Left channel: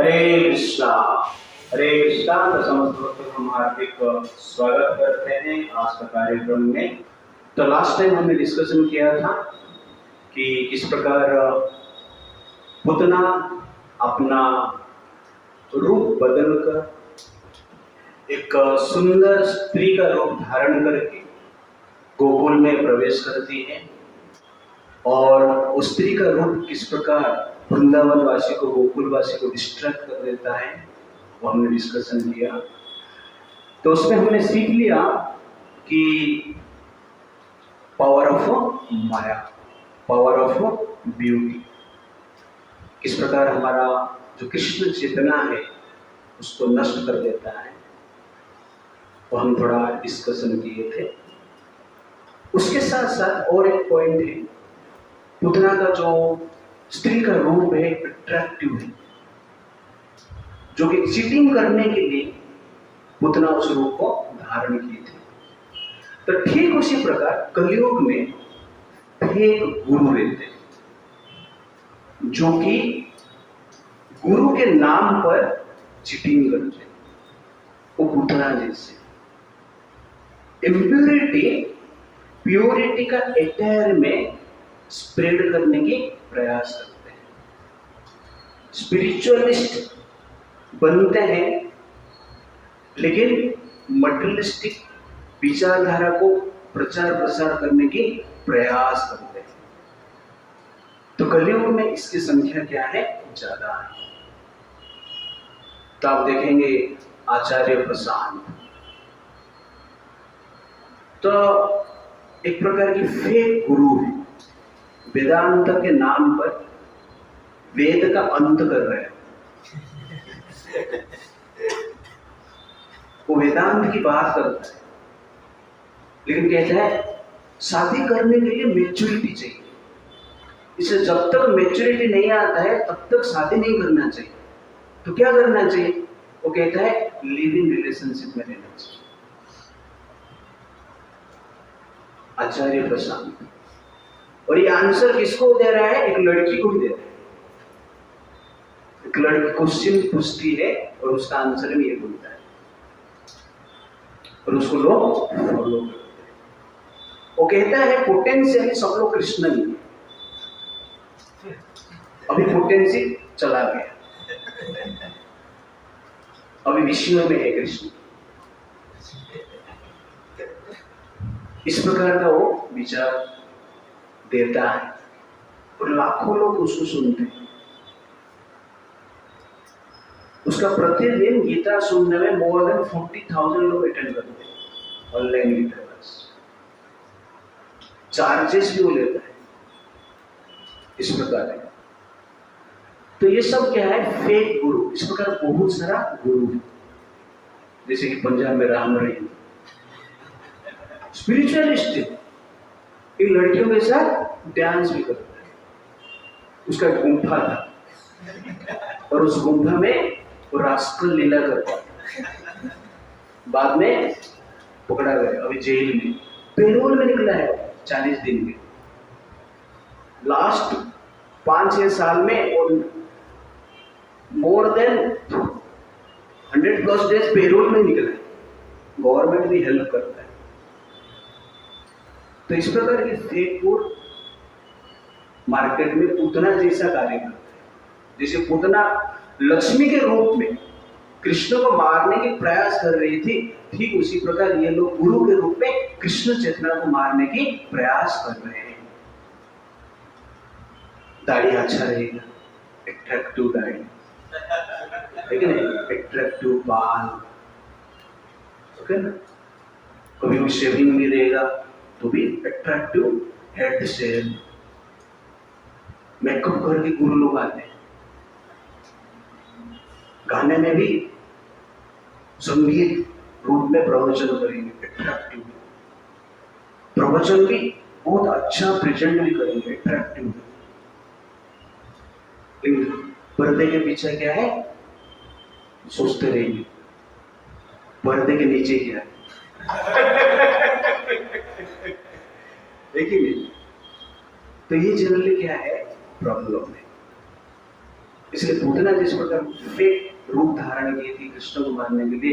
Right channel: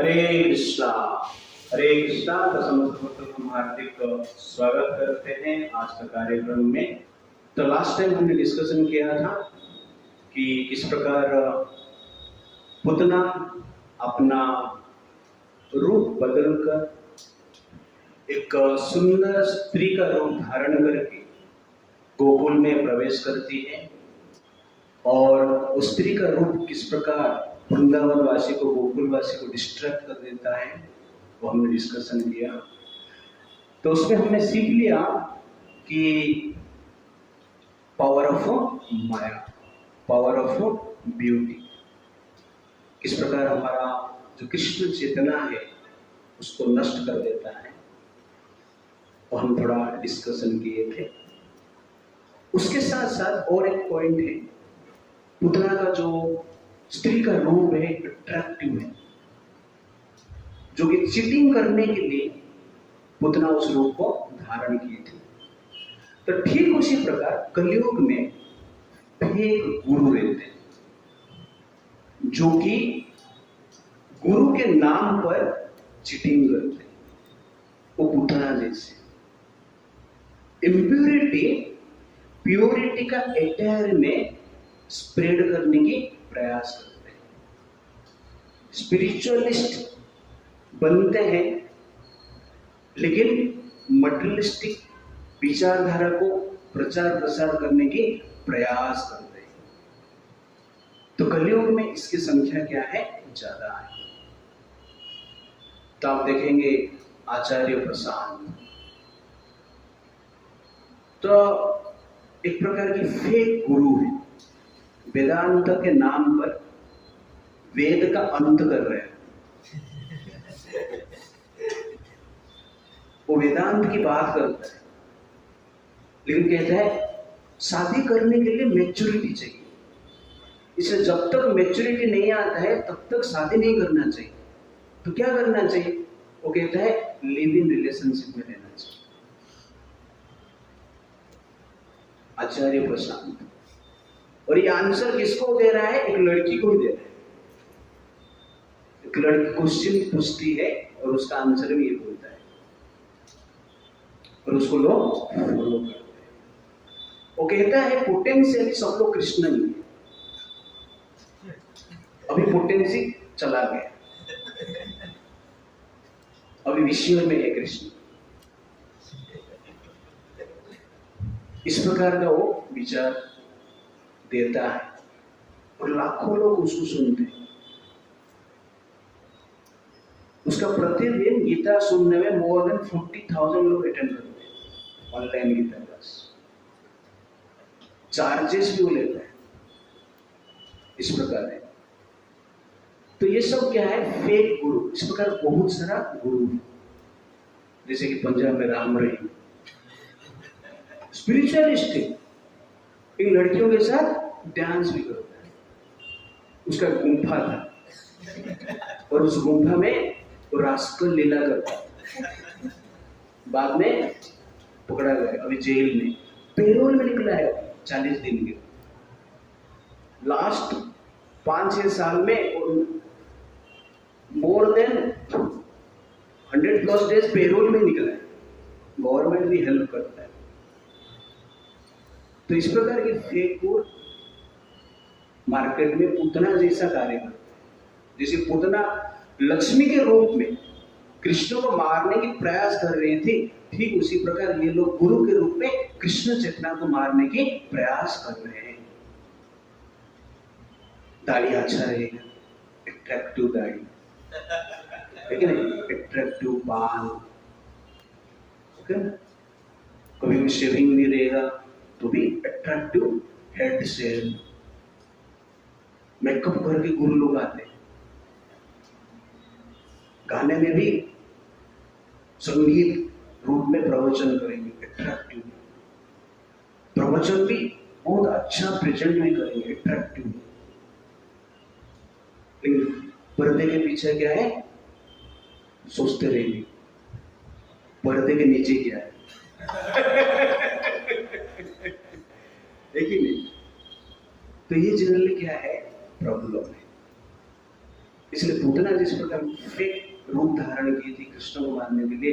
हरे कृष्णा। तो समस्त भक्तों को हम हार्दिक स्वागत करते हैं आज का कार्यक्रम में। तो लास्ट टाइम हमने डिस्कशन किया था कि किस प्रकार पुतना अपना रूप बदलकर एक सुंदर स्त्री का रूप धारण करके गोकुल में प्रवेश करती है और उस स्त्री का रूप किस प्रकार वृंदावन वासी को, गोकुल वासी को डिस्ट्रैक्ट कर देता है, वो हमने डिस्कशन किया। तो उसमें हमने सीख लिया कि power of Maya, power of beauty, किस प्रकार हमारा जो कृष्ण चेतना है उसको नष्ट कर देता है, वो हम थोड़ा डिस्कशन किए थे। उसके साथ साथ और एक पॉइंट है, पुतना का जो स्त्री का रूप है अट्रैक्टिव है, जो कि चीटिंग करने के लिए पुतना उस रूप को धारण किए थे। तो ठीक उसी प्रकार कलयुग में फेक गुरु रहते हैं, जो कि गुरु के नाम पर चीटिंग करते हैं, वो पुतना जैसे। इम्प्योरिटी प्योरिटी का एटायर में स्प्रेड करने की प्रयास करते हैं। स्पिरिचुअलिस्ट बनते हैं लेकिन मटेरियलिस्टिक विचारधारा को प्रचार प्रसार करने की प्रयास करते हैं। तो कलयुग में इसकी संख्या क्या है? ज्यादा है। तो आप देखेंगे आचार्य प्रशांत तो एक प्रकार की फेक गुरु है, वेदांत के नाम पर वेद का अंत कर रहे हैं। वो वेदांत की बात करता है लेकिन कहता है शादी करने के लिए मैच्योरिटी चाहिए, इसे जब तक मैच्योरिटी नहीं आता है तब तक शादी नहीं करना चाहिए। तो क्या करना चाहिए? वो कहता है लिव इन रिलेशनशिप में रहना चाहिए। आचार्य प्रशांत। और ये आंसर किसको दे रहा है? एक लड़की को दे रहा है। एक लड़की क्वेश्चन पूछती है और उसका आंसर भी ये बोलता है और उसको लोग फॉलो करते हैं। वो कहता है पोटेंशियली सब लोग कृष्ण ही, अभी पोटेंशियल चला गया, अभी विषयों में है कृष्ण। इस प्रकार का वो विचार देता है और लाखों लोग उसको सुनते हैं। उसका प्रतिदिन गीता सुनने में मोर देन 40,000 लोग अटेंड करते हैं ऑनलाइन गीता क्लास। चार्जेस भी वो लेता है। इस प्रकार है। तो ये सब क्या है? फेक गुरु। इस प्रकार बहुत सारा गुरु है, जैसे कि पंजाब में राम रहीम स्पिरिचुअलिस्ट है, इन लड़कियों के साथ डांस भी करता है। उसका गुंफा था और उस गुंफा में वो रास्कल लीला करता है। बाद में पकड़ा गया, अभी जेल में पेरोल में निकला है 40 दिन के। लास्ट 5-6 साल में और मोर देन 100+ डेज पेरोल में निकला है। गवर्नमेंट भी हेल्प करता है। तो इस प्रकार के फेक गुरु मार्केट में पूतना जैसा कार्य करते हैं। जैसे पूतना लक्ष्मी के रूप में कृष्ण को मारने की प्रयास कर रही थी, ठीक उसी प्रकार ये लोग गुरु के रूप में कृष्ण चेतना को मारने की प्रयास कर रहे हैं। दाढ़ी अच्छा रहेगा, एट्रैक्टिव दाढ़ी, लेकिन एट्रैक्टिव बाल, ओके ना? कभी भी शेविंग नहीं रहेगा तो भी एट्रैक्टिव हेड शेव। मेकअप करके गुरु लोग आते हैं। गाने में भी संगीत रूप में प्रवचन करेंगे, एट्रैक्टिव प्रवचन भी बहुत अच्छा प्रेजेंट भी करेंगे, एट्रैक्टिव। लेकिन पर्दे के पीछे क्या है? सोचते रहेंगे पर्दे के नीचे क्या है। देखिए, तो ये जनरली क्या है? प्रॉब्लम है। इसलिए पूतना जिस प्रकार फेक रूप धारण की थी कृष्ण को मानने के लिए,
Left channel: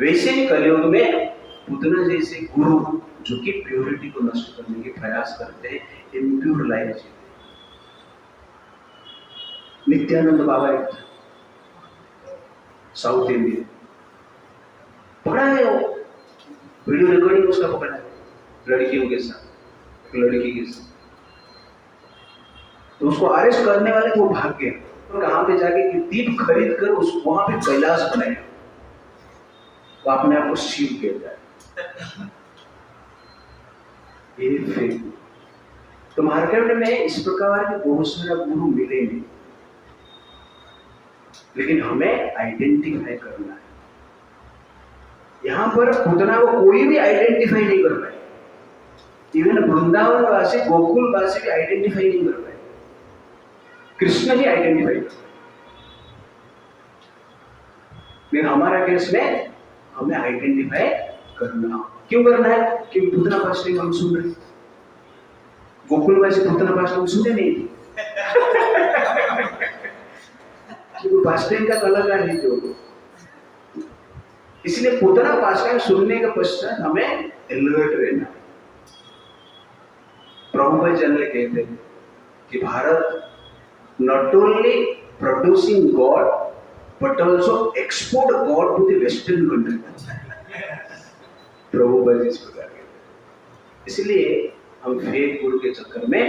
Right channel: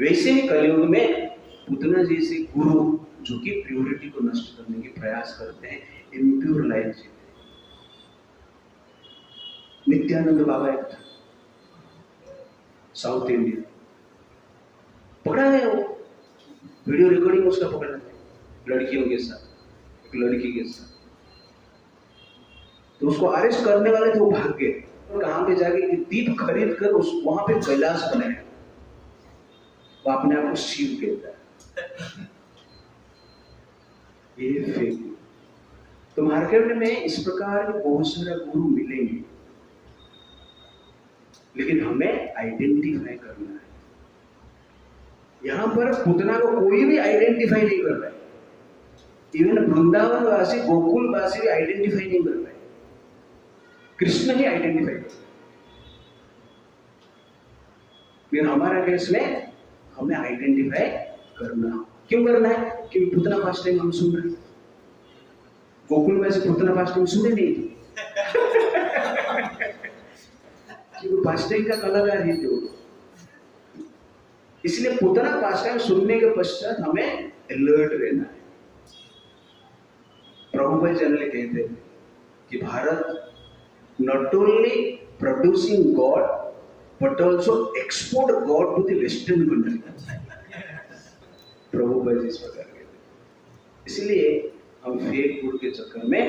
वैसे ही कलयुग में पूतना जैसे गुरु जो कि प्योरिटी को नष्ट करने के प्रयास करते हैं, इम्प्योर लाइफ जीते। नित्यानंद बाबा एक साउथ इंडियन पकड़ा गया, वो वीडियो रिकॉर्डिंग उसका पकड़ा है लड़कियों के साथ, एक लड़की के साथ। तो उसको अरेस्ट करने वाले तो वो भाग गए और कहां पे जाके दीप खरीद कर उस वहां पे कैलाश बनाया, वो अपने आप को शिव कहता है। ये फेक। तो मार्केट में इस प्रकार के बहुत सारे गुरु मिलेंगे, लेकिन हमें आइडेंटिफाई करना है। यहां पर पूतना को कोई भी आइडेंटिफाई नहीं कर पाए, इवन वृंदावन वासी गोकुल वासी भी आइडेंटिफाई नहीं कर पाए, कृष्ण ही आइडेंटिफाई कर पाए। लेकिन हमारा केस में हमें आइडेंटिफाई करना, क्यों करना है? क्योंकि पूतना फास्ट टाइम हम सुन रहे, गोकुल वासी पूतना फास्ट टाइम सुने नहीं थे, क्योंकि फास्ट टाइम का कलाकार नहीं थे वो। इसलिए पूतना फास्ट टाइम सुनने के पश्चात हमें अलर्ट रहना है। प्रभुपाद जनरल कहते हैं कि Bharat not only producing God but also export God to the Western country. Prabhupada इस प्रकार कहते हैं। इसलिए हम फेक गुरु के चक्कर में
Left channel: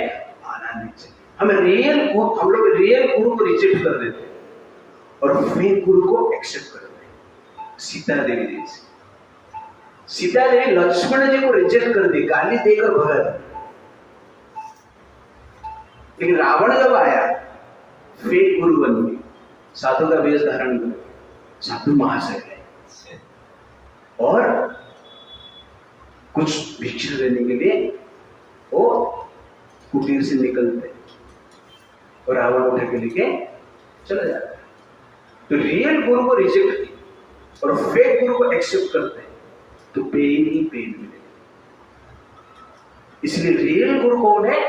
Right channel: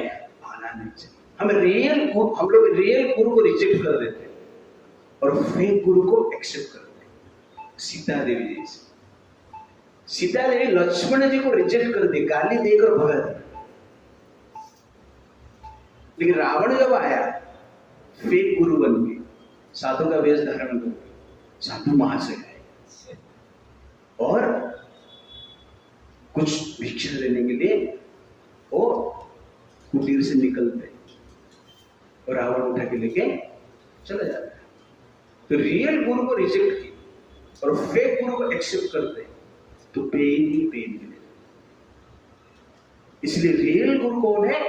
आना नहीं चाहिए। हम लोग रियल गुरु को रिजेक्ट कर देते हैं और फेक गुरु को एक्सेप्ट करते हैं। सीता देवी जैसे, सीता देवी लक्ष्मण जी को रिजेक्ट कर दी, गाली देकर भगा दी, लेकिन रावण जब आया फेक गुरु बन गए, साधु का वेश धारण कर, साधु महाशय है, और कुछ भिक्षा लेने के लिए वो कुटीर से निकलते और रावण उठा के लेके चला जाता है। तो रियल गुरु को रिजेक्ट की और फेक गुरु को एक्सेप्ट करते तो पेन ही पेन मिलेगा। इसलिए रियल गुरु कौन है?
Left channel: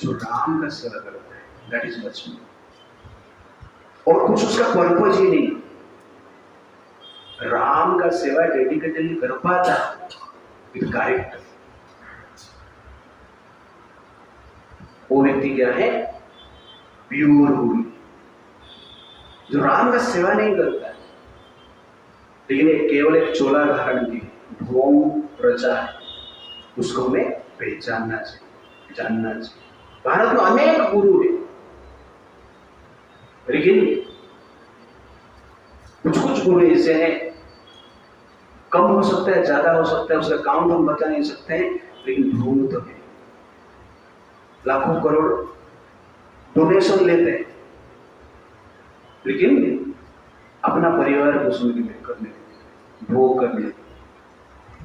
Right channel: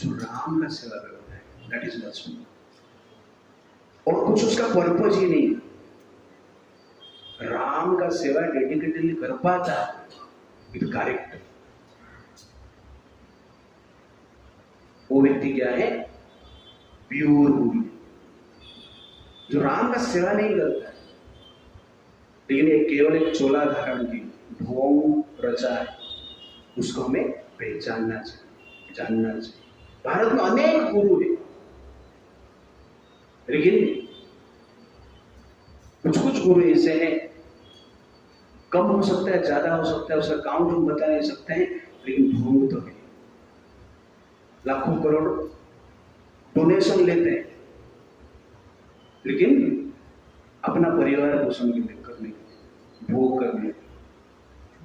जो राम का सेवा करता है, दैट इज लक्ष्मण। और कुछ उसका पर्पज ही नहीं, राम का सेवा डेडिकेटली कर पाता विद कैरेक्टर, वो व्यक्ति क्या है? प्योर गुरु, जो राम का सेवा नहीं करता है, लेकिन केवल एक चोला धारण की ढोंग प्रजा है, उसको हमें पहचानना चाहिए, जानना चाहिए। भारत में अनेक गुरु है, लेकिन कुछ कुछ गुरु ऐसे हैं, कम हो सकता है, ज्यादा हो सकता है, उसका काउंट हम बता नहीं सकते हैं, लेकिन ढोंग तो है। लाखों करोड़ डोनेशन लेते हैं, लेकिन अपना परिवार पोषण के लिए, करने के लिए, भोग करने के लिए,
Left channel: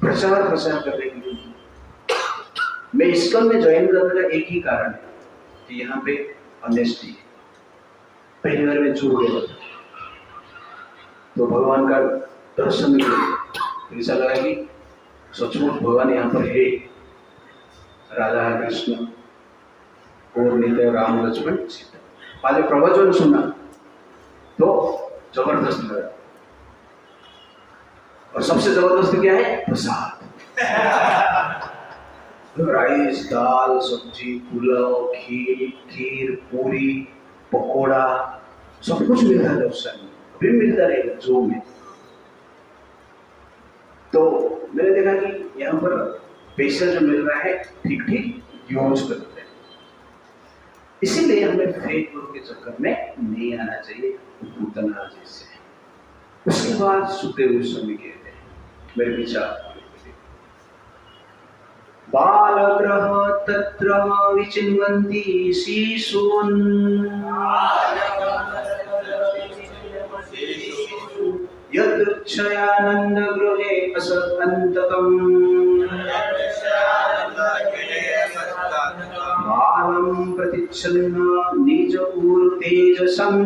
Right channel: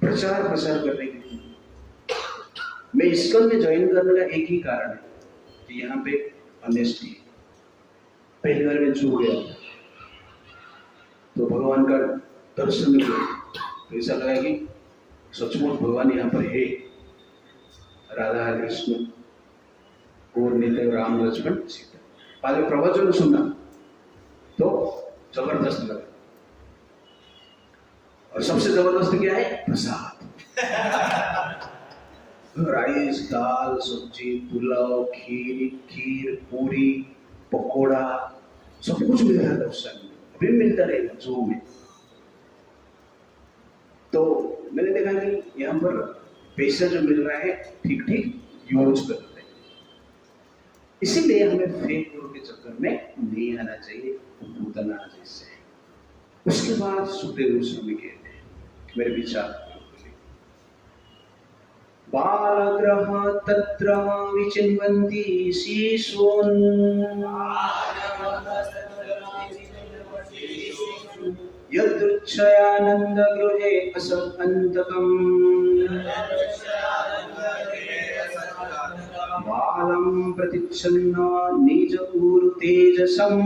प्रचार प्रसार करने के लिए। मैं इस्कॉन में ज्वाइन करने का एक ही कारण है कि यहाँ पे ऑनेस्टी है। पहली बार मैं जुड़ गया तो भगवान का दर्शन किया, तो ऐसा लगा कि सचमुच भगवान यहाँ पर है, राधा कृष्ण और नित्य राम लक्ष्मण सीता। पहले प्रवचन सुना तो जबरदस्त लगा, और सबसे जबरदस्त क्या है? प्रसाद। राइस, दाल, सब्जी, पुलाव, खीर, पूरी, पकोड़ा, सब कुछ मिलता था उस समय, अभी मिलता रहेगा जो में। तो मैंने देखा कि यहाँ पर पैसा जो मिल रहा है ठीक ठीक यूज करते हैं। इसीलिए हमें फेक गुरु के चक्कर में नहीं आना चाहिए, पूतना जैसे। उसके बाद सुखदेव गोस्वामी कहते हैं, मेरे विचार, बालग्रह तत्र विचिन्वन्ति शिशून् यदृच्छयानन्द गृहे असन्तकम् बालं प्रतिच्छन्न निज ऊरु तेजसम्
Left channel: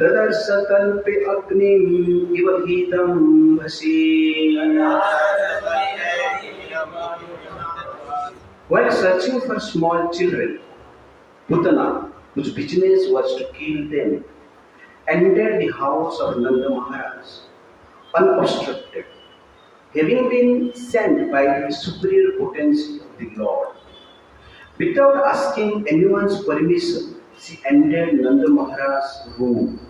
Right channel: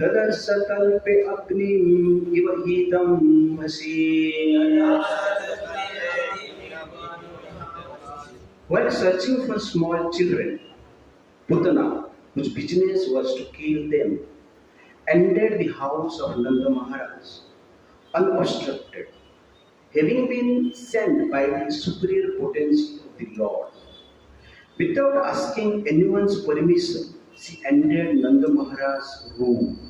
ददर्श कल्पे अग्निम् इव हीतं भसी। While searching for small children, Putana, whose business was to kill them, entered the house of Nanda Maharaj unobstructed, having been sent by the superior potency of the Lord. Without asking anyone's permission, she entered Nanda Maharaj's room,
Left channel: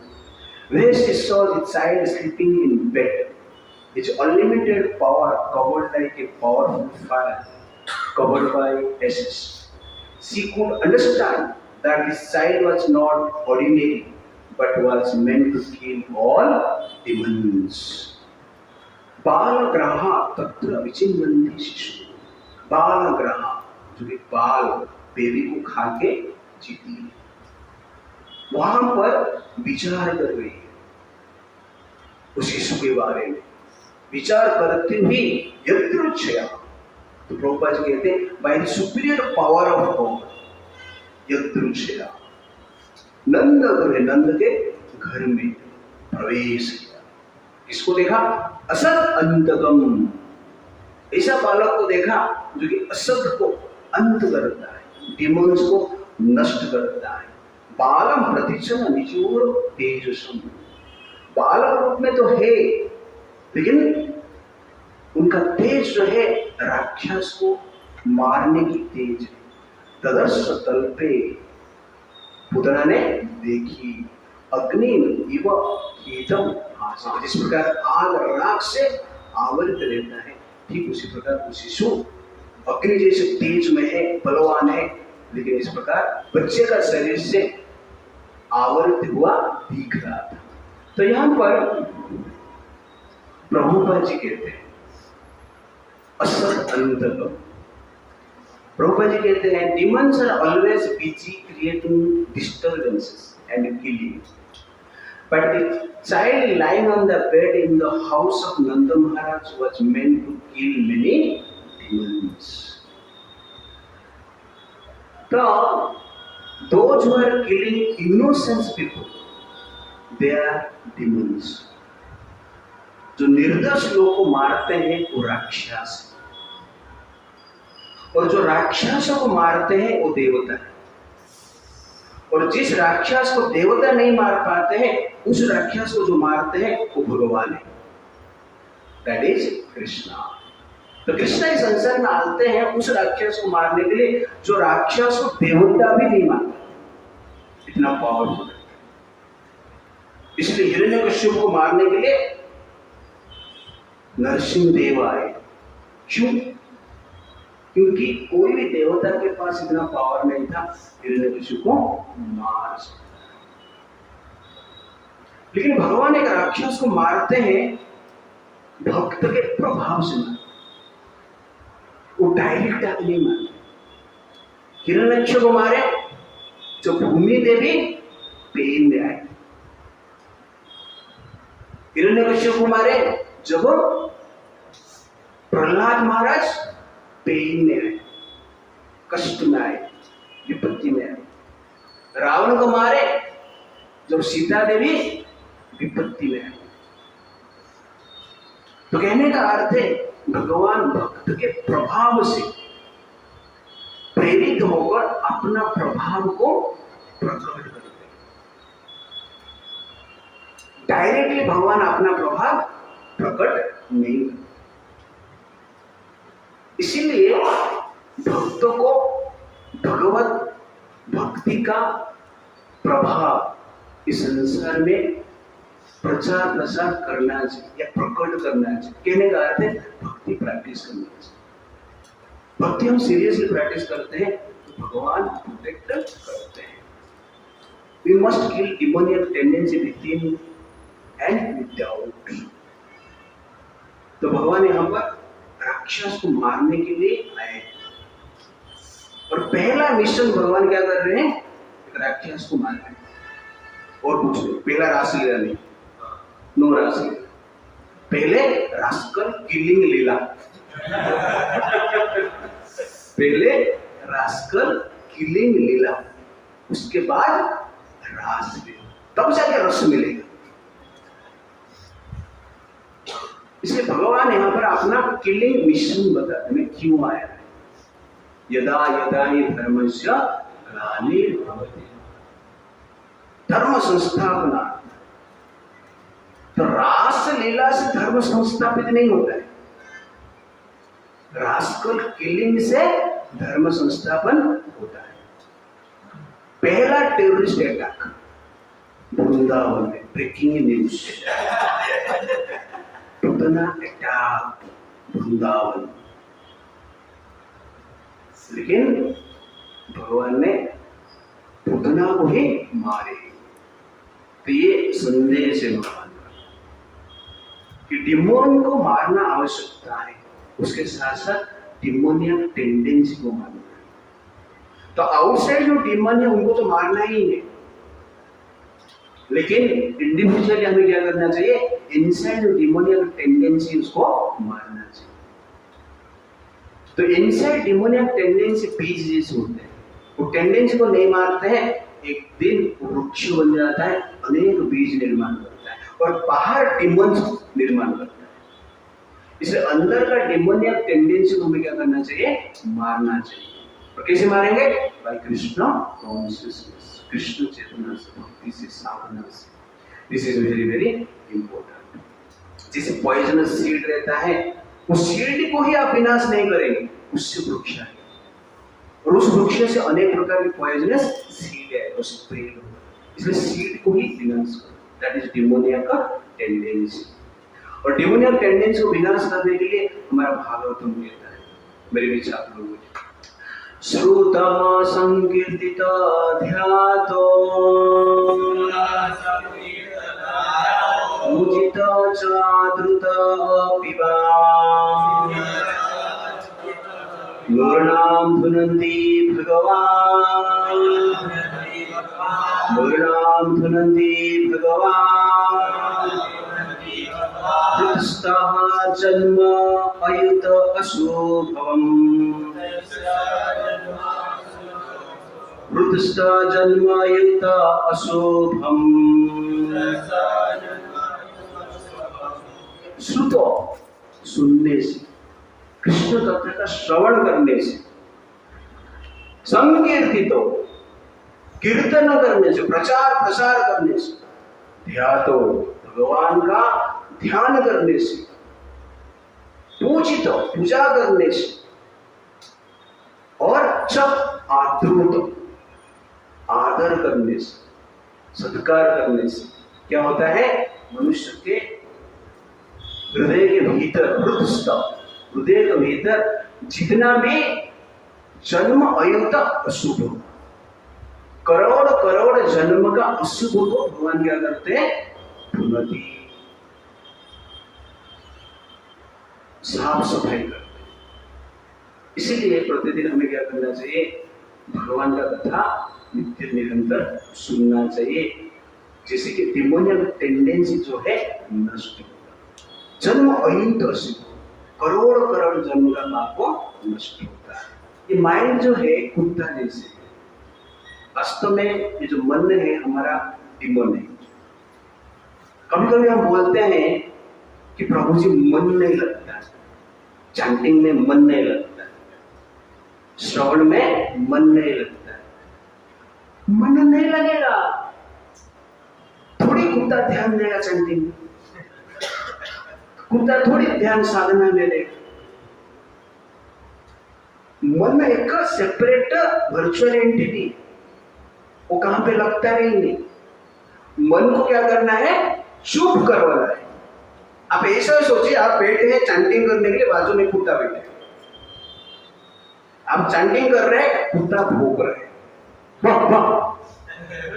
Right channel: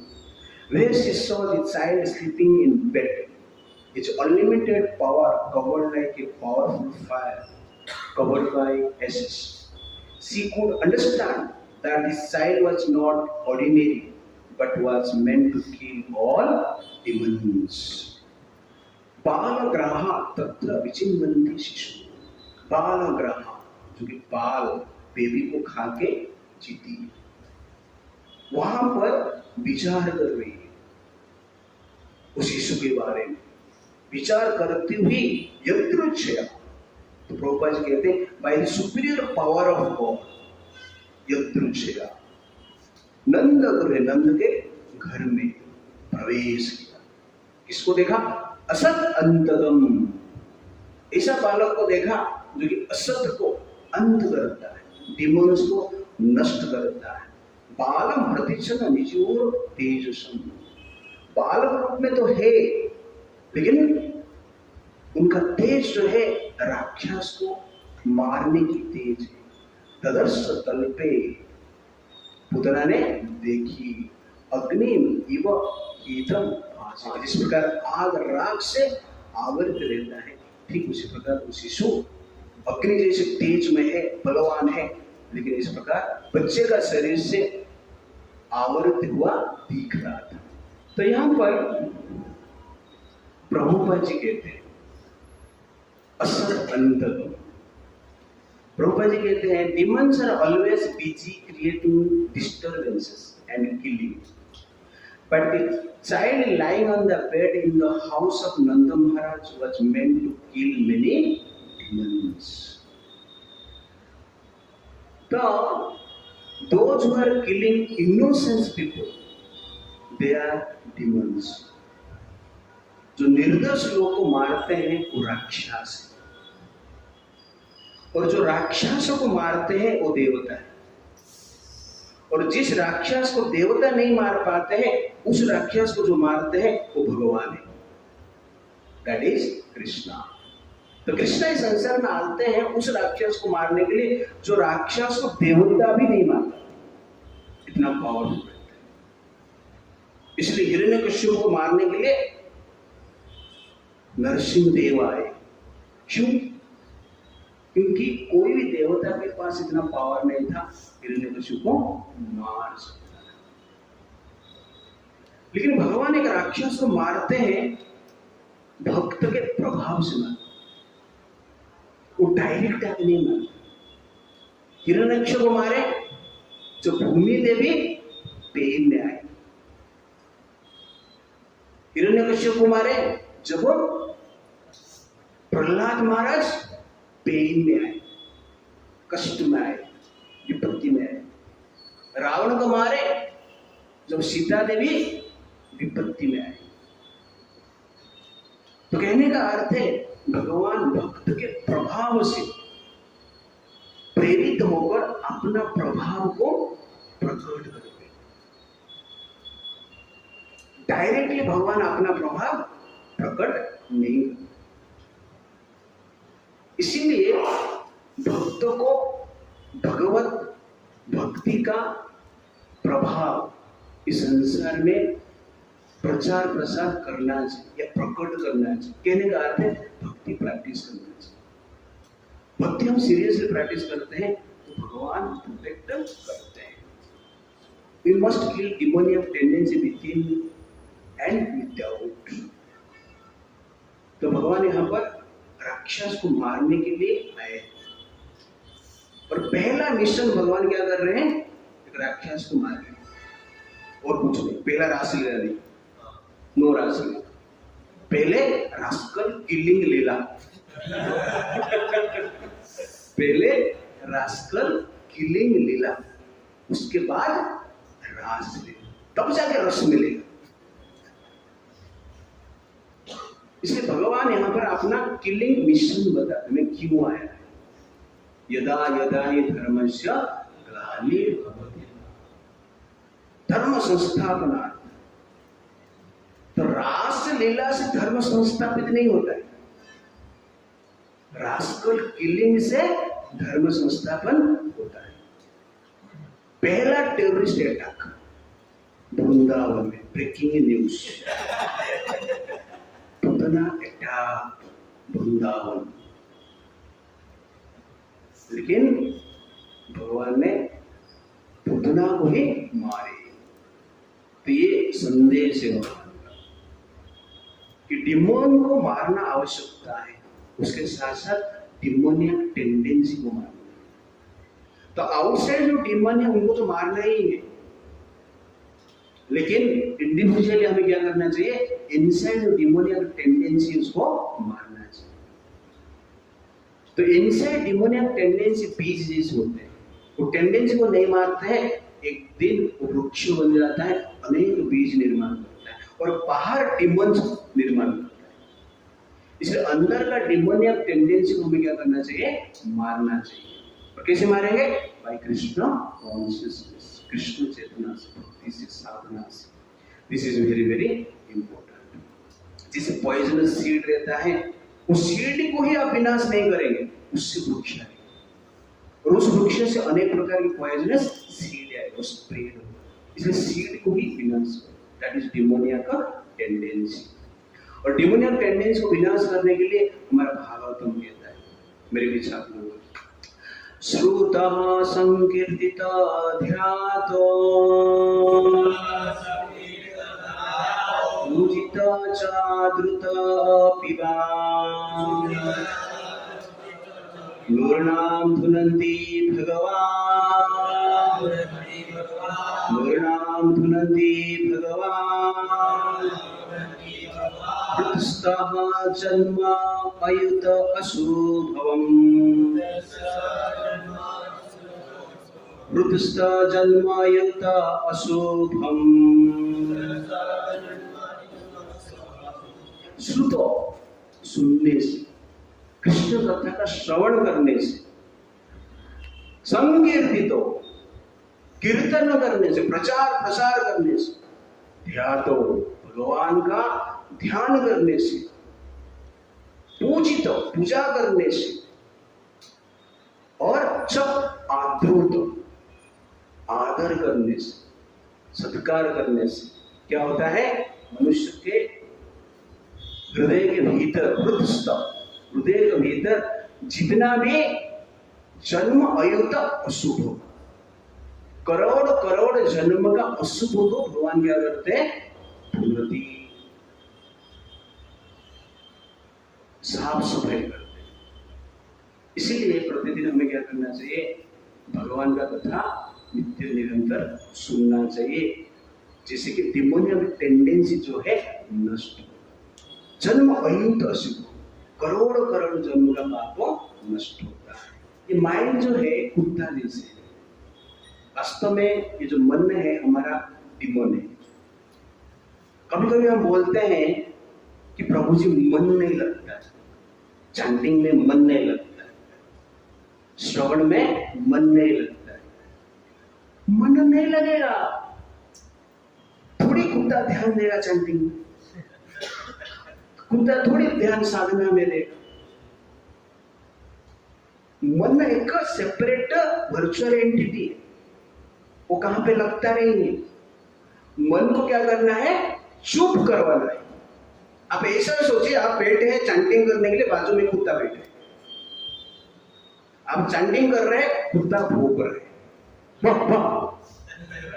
where she saw the child sleeping in bed, its unlimited power covered like a powerful fire covered by ashes. She could understand that this child was not ordinary, but was meant to kill all demons. बालग्रहा तत्र विचिन्नन्ति शिशु. बालग्रहा जो कि बाल baby को खा के जीती है, वहां पर विचार कर रही है उस शिशु के बारे में. विचार करते हुए यदृच्छया, तो प्रभुपाद जी कहते हैं by the superior power of God, यदृच्छया नंद गृह, नंद के घर में प्रवेश किया. किसको देखा? असत अंतकम. ऐसा बालक को देखा जो कि असत को अंत करता है, डिमोन्स को नष्ट करता है. बालम प्रतिचन निजोर तेजसम. बालक रूप में तो है, लेकिन उनका तेज जो है राक्षस को मारने की तेज है. तदर्श तल्पे, पुतना ने देखी, अग्नि इव हीतम आसीत्. जिस प्रकार आग राख से आवृत रहता है, ठीक उसी प्रकार वो शिशु अग्नि जैसे तेज में है, बलवान है, लेकिन इस प्रकार बच्चे का शरीर से आवृत हुआ दिख रहा था. तो यहां पर प्रभुपाद जी कहते हैं असत अंतकम. प्रभुपाद जी कहते हैं demons are always busy creating disturbances and killing, but the child lying on the bed in the house of Nanda Maharaj was meant to kill many demons. So those who are killing innocent people, they are demons. जो निर्दोष लोगों को मारते हैं वो राक्षस, और जो राक्षसों को मारते हैं वो देवता है. और जिस राक्षस को देवता नहीं मार पाते हैं, उस राक्षस को जो मारते हैं वो भगवान है. That is Krishna. तो कृष्णा इस संसार में आते हैं उस राक्षस को मारने के लिए जो राक्षस को देवता भी नहीं मानता, इतना पावरफुल. इसलिए हिरण्यकश्यप को मारने के लिए नरसिंह देव आए. क्यों? क्योंकि कोई भी देवता के पास इतना पावर नहीं था हिरण्यकश्यप को मार सकता. लेकिन भगवान एक राक्षस को मारते हैं भक्त के प्रभाव से मारते, वो डायरेक्ट आके नहीं मारते. हिरण्यकश्यप को मारे जो भूमि देवी पेन में आए. हिरण्यकश्यप को मारे जब प्रहलाद महाराज पेन में आए, कष्ट में आए, विपत्ति में आए. रावण को मारे जब सीता देवी विपत्ति में आए. तो कहने का अर्थ है भगवान भक्त के प्रभाव से प्रेरित होकर अपना प्रभाव को प्रकट करते हैं. डायरेक्टली भगवान अपना प्रभाव प्रकट नहीं करते. इसीलिए भक्तों को भगवत भक्ति का प्रभाव इस संसार में प्रचार प्रसार करना चाहिए या प्रकट करना चाहिए. कहने का अर्थ है भक्ति प्रैक्टिस करना चाहिए. भक्ति हम सीरियसली प्रैक्टिस करते हैं तो भगवान प्रोटेक्ट करते हैं. We must kill demoniac tendency within and without. तो भगवान यहाँ पर राक्षस को मारने के लिए आए, और पहला मिशन भगवान क्या कर रहे हैं? एक राक्षस को मारना. और पूछ लो, पहला राशि लीला नहीं, नो राशि. पहले रास्कल किलिंग लीला, पहले रास्कल किलिंग लीला, उसके बाद रास लीला, तब जाके रस मिलेगा. इसलिए भगवान यहाँ पर अपना किलिंग मिशन बताते हैं क्यों आया है. यदा यदा ही धर्मस्य ग्लानिर्भवति धर्म संस्थापना। तो रास लीला से धर्म संस्थापित नहीं होता है, रास्कल किलिंग से धर्म संस्थापन होता है। पहला टेररिस्ट अटैक वृंदावन में, ब्रेकिंग न्यूज, टूटना अटैक वृंदावन। लेकिन भगवान ने पूतना को ही मारे। तो ये संदेश है भगवान का कि डिमोन को मारना आवश्यकता है, उसके साथ साथ डिमोनियक टेंडेंसी को मारना है। तो आउटसाइड जो डिमोन है उनको तो मारना ही है, लेकिन इंडिविजुअली हमें क्या करना चाहिए, इनसाइड जो डिमोनियक टेंडेंसी उसको मारना चाहिए। तो इनसाइड डिमोनियक टेंडेंसी बीज जैसे होते हैं, वो टेंडेंसी को नहीं मारते हैं, एक दिन वृक्ष बन जाता है, अनेक बीज निर्माण करता है और बाहर डिमोन्स निर्माण करता है। इसलिए अंदर का डिमोनियक टेंडेंसी को हमें क्या करना चाहिए, मारना चाहिए। और कैसे मारेंगे, बाय कृष्ण कॉन्शियसनेस, कृष्ण चेतना से, भक्ति से, साधना से। This is very very important. जैसे पॉइजनस सीड रहता है, उस सीड को ही आप विनाश नहीं करेंगे, उससे वृक्ष आएगा और उस वृक्ष से अनेक प्रकार की पॉइजनस सीड है, वो स्प्रेड होगा। इसलिए सीड को ही विनाश करो, दैट इज डिमोनिया का टेंडेंसी। और डिमोनिया टेंडेंसी को विनाश करने के लिए हमारा भागवतम कहता है, मेरे बीच आप लोग श्रुता संकीर्तित ध्यातो पूजित चाद्रुत पिबा मूर्णाम धुनन्ति भगवान, मूर्णाम धुनन्ति भगवान। कृतस्तः जन्म अयुत अशुभवम्, कृतस्तः जन्म अयुत अशुभम्। श्रुतो सुनने से, कृष्ण कथा का श्रवण करने से, संकीर्तितो कीर्तन करने से, प्रचार प्रसार करने से, ध्यातो भगवान का ध्यान करने से, पूजितो पूजा करने से, और च आद्रुत आदर करने से, सत्कार करने से क्या होता है, मनुष्य के हृदय के भीतर, हृदय के भीतर जितना भी जन्म अयुत अशुभ, करोड़ करोड़ जन्म का अशुभ को भगवान क्या करते हैं, धुनति, साफ सफाई करते हैं। इसीलिए प्रतिदिन हमें क्या करना चाहिए, भगवान का कथा नित्य निरंतर सुनना चाहिए, जैसे कि डिमोनियक टेंडेंसी जो है नष्ट होगा। जन्म अयुत अशुभ, करोड़ करोड़ जन्म का पाप नष्ट होता है। ये माइंड जो है कुत्ता जैसे, वास्तव में ये जो मन है हमारा डिमोन है। कभी कभी हम बोलते हैं कि प्रभु जी मन नहीं लगता, चैंटिंग में मन नहीं लगता, श्रवण में मन नहीं लगता। मन नहीं लगेगा, थोड़ी कुत्ता ध्यान देगा चैंटिंग में, कुत्ता थोड़ी ध्यान साधना में देगा। मन एक सेपरेट वर्चुअल एंटिटी, वो कहां पे लगता नहीं है। मन को क्या करना है, चुप करवाना है। आप ऐसा सोचिए, आप बैठे हैं चैंटिंग करने के लिए, बाजू में कुत्ता बैठा है, आप चैंटिंग कर रहे हैं, कुत्ता भौंक रहा है,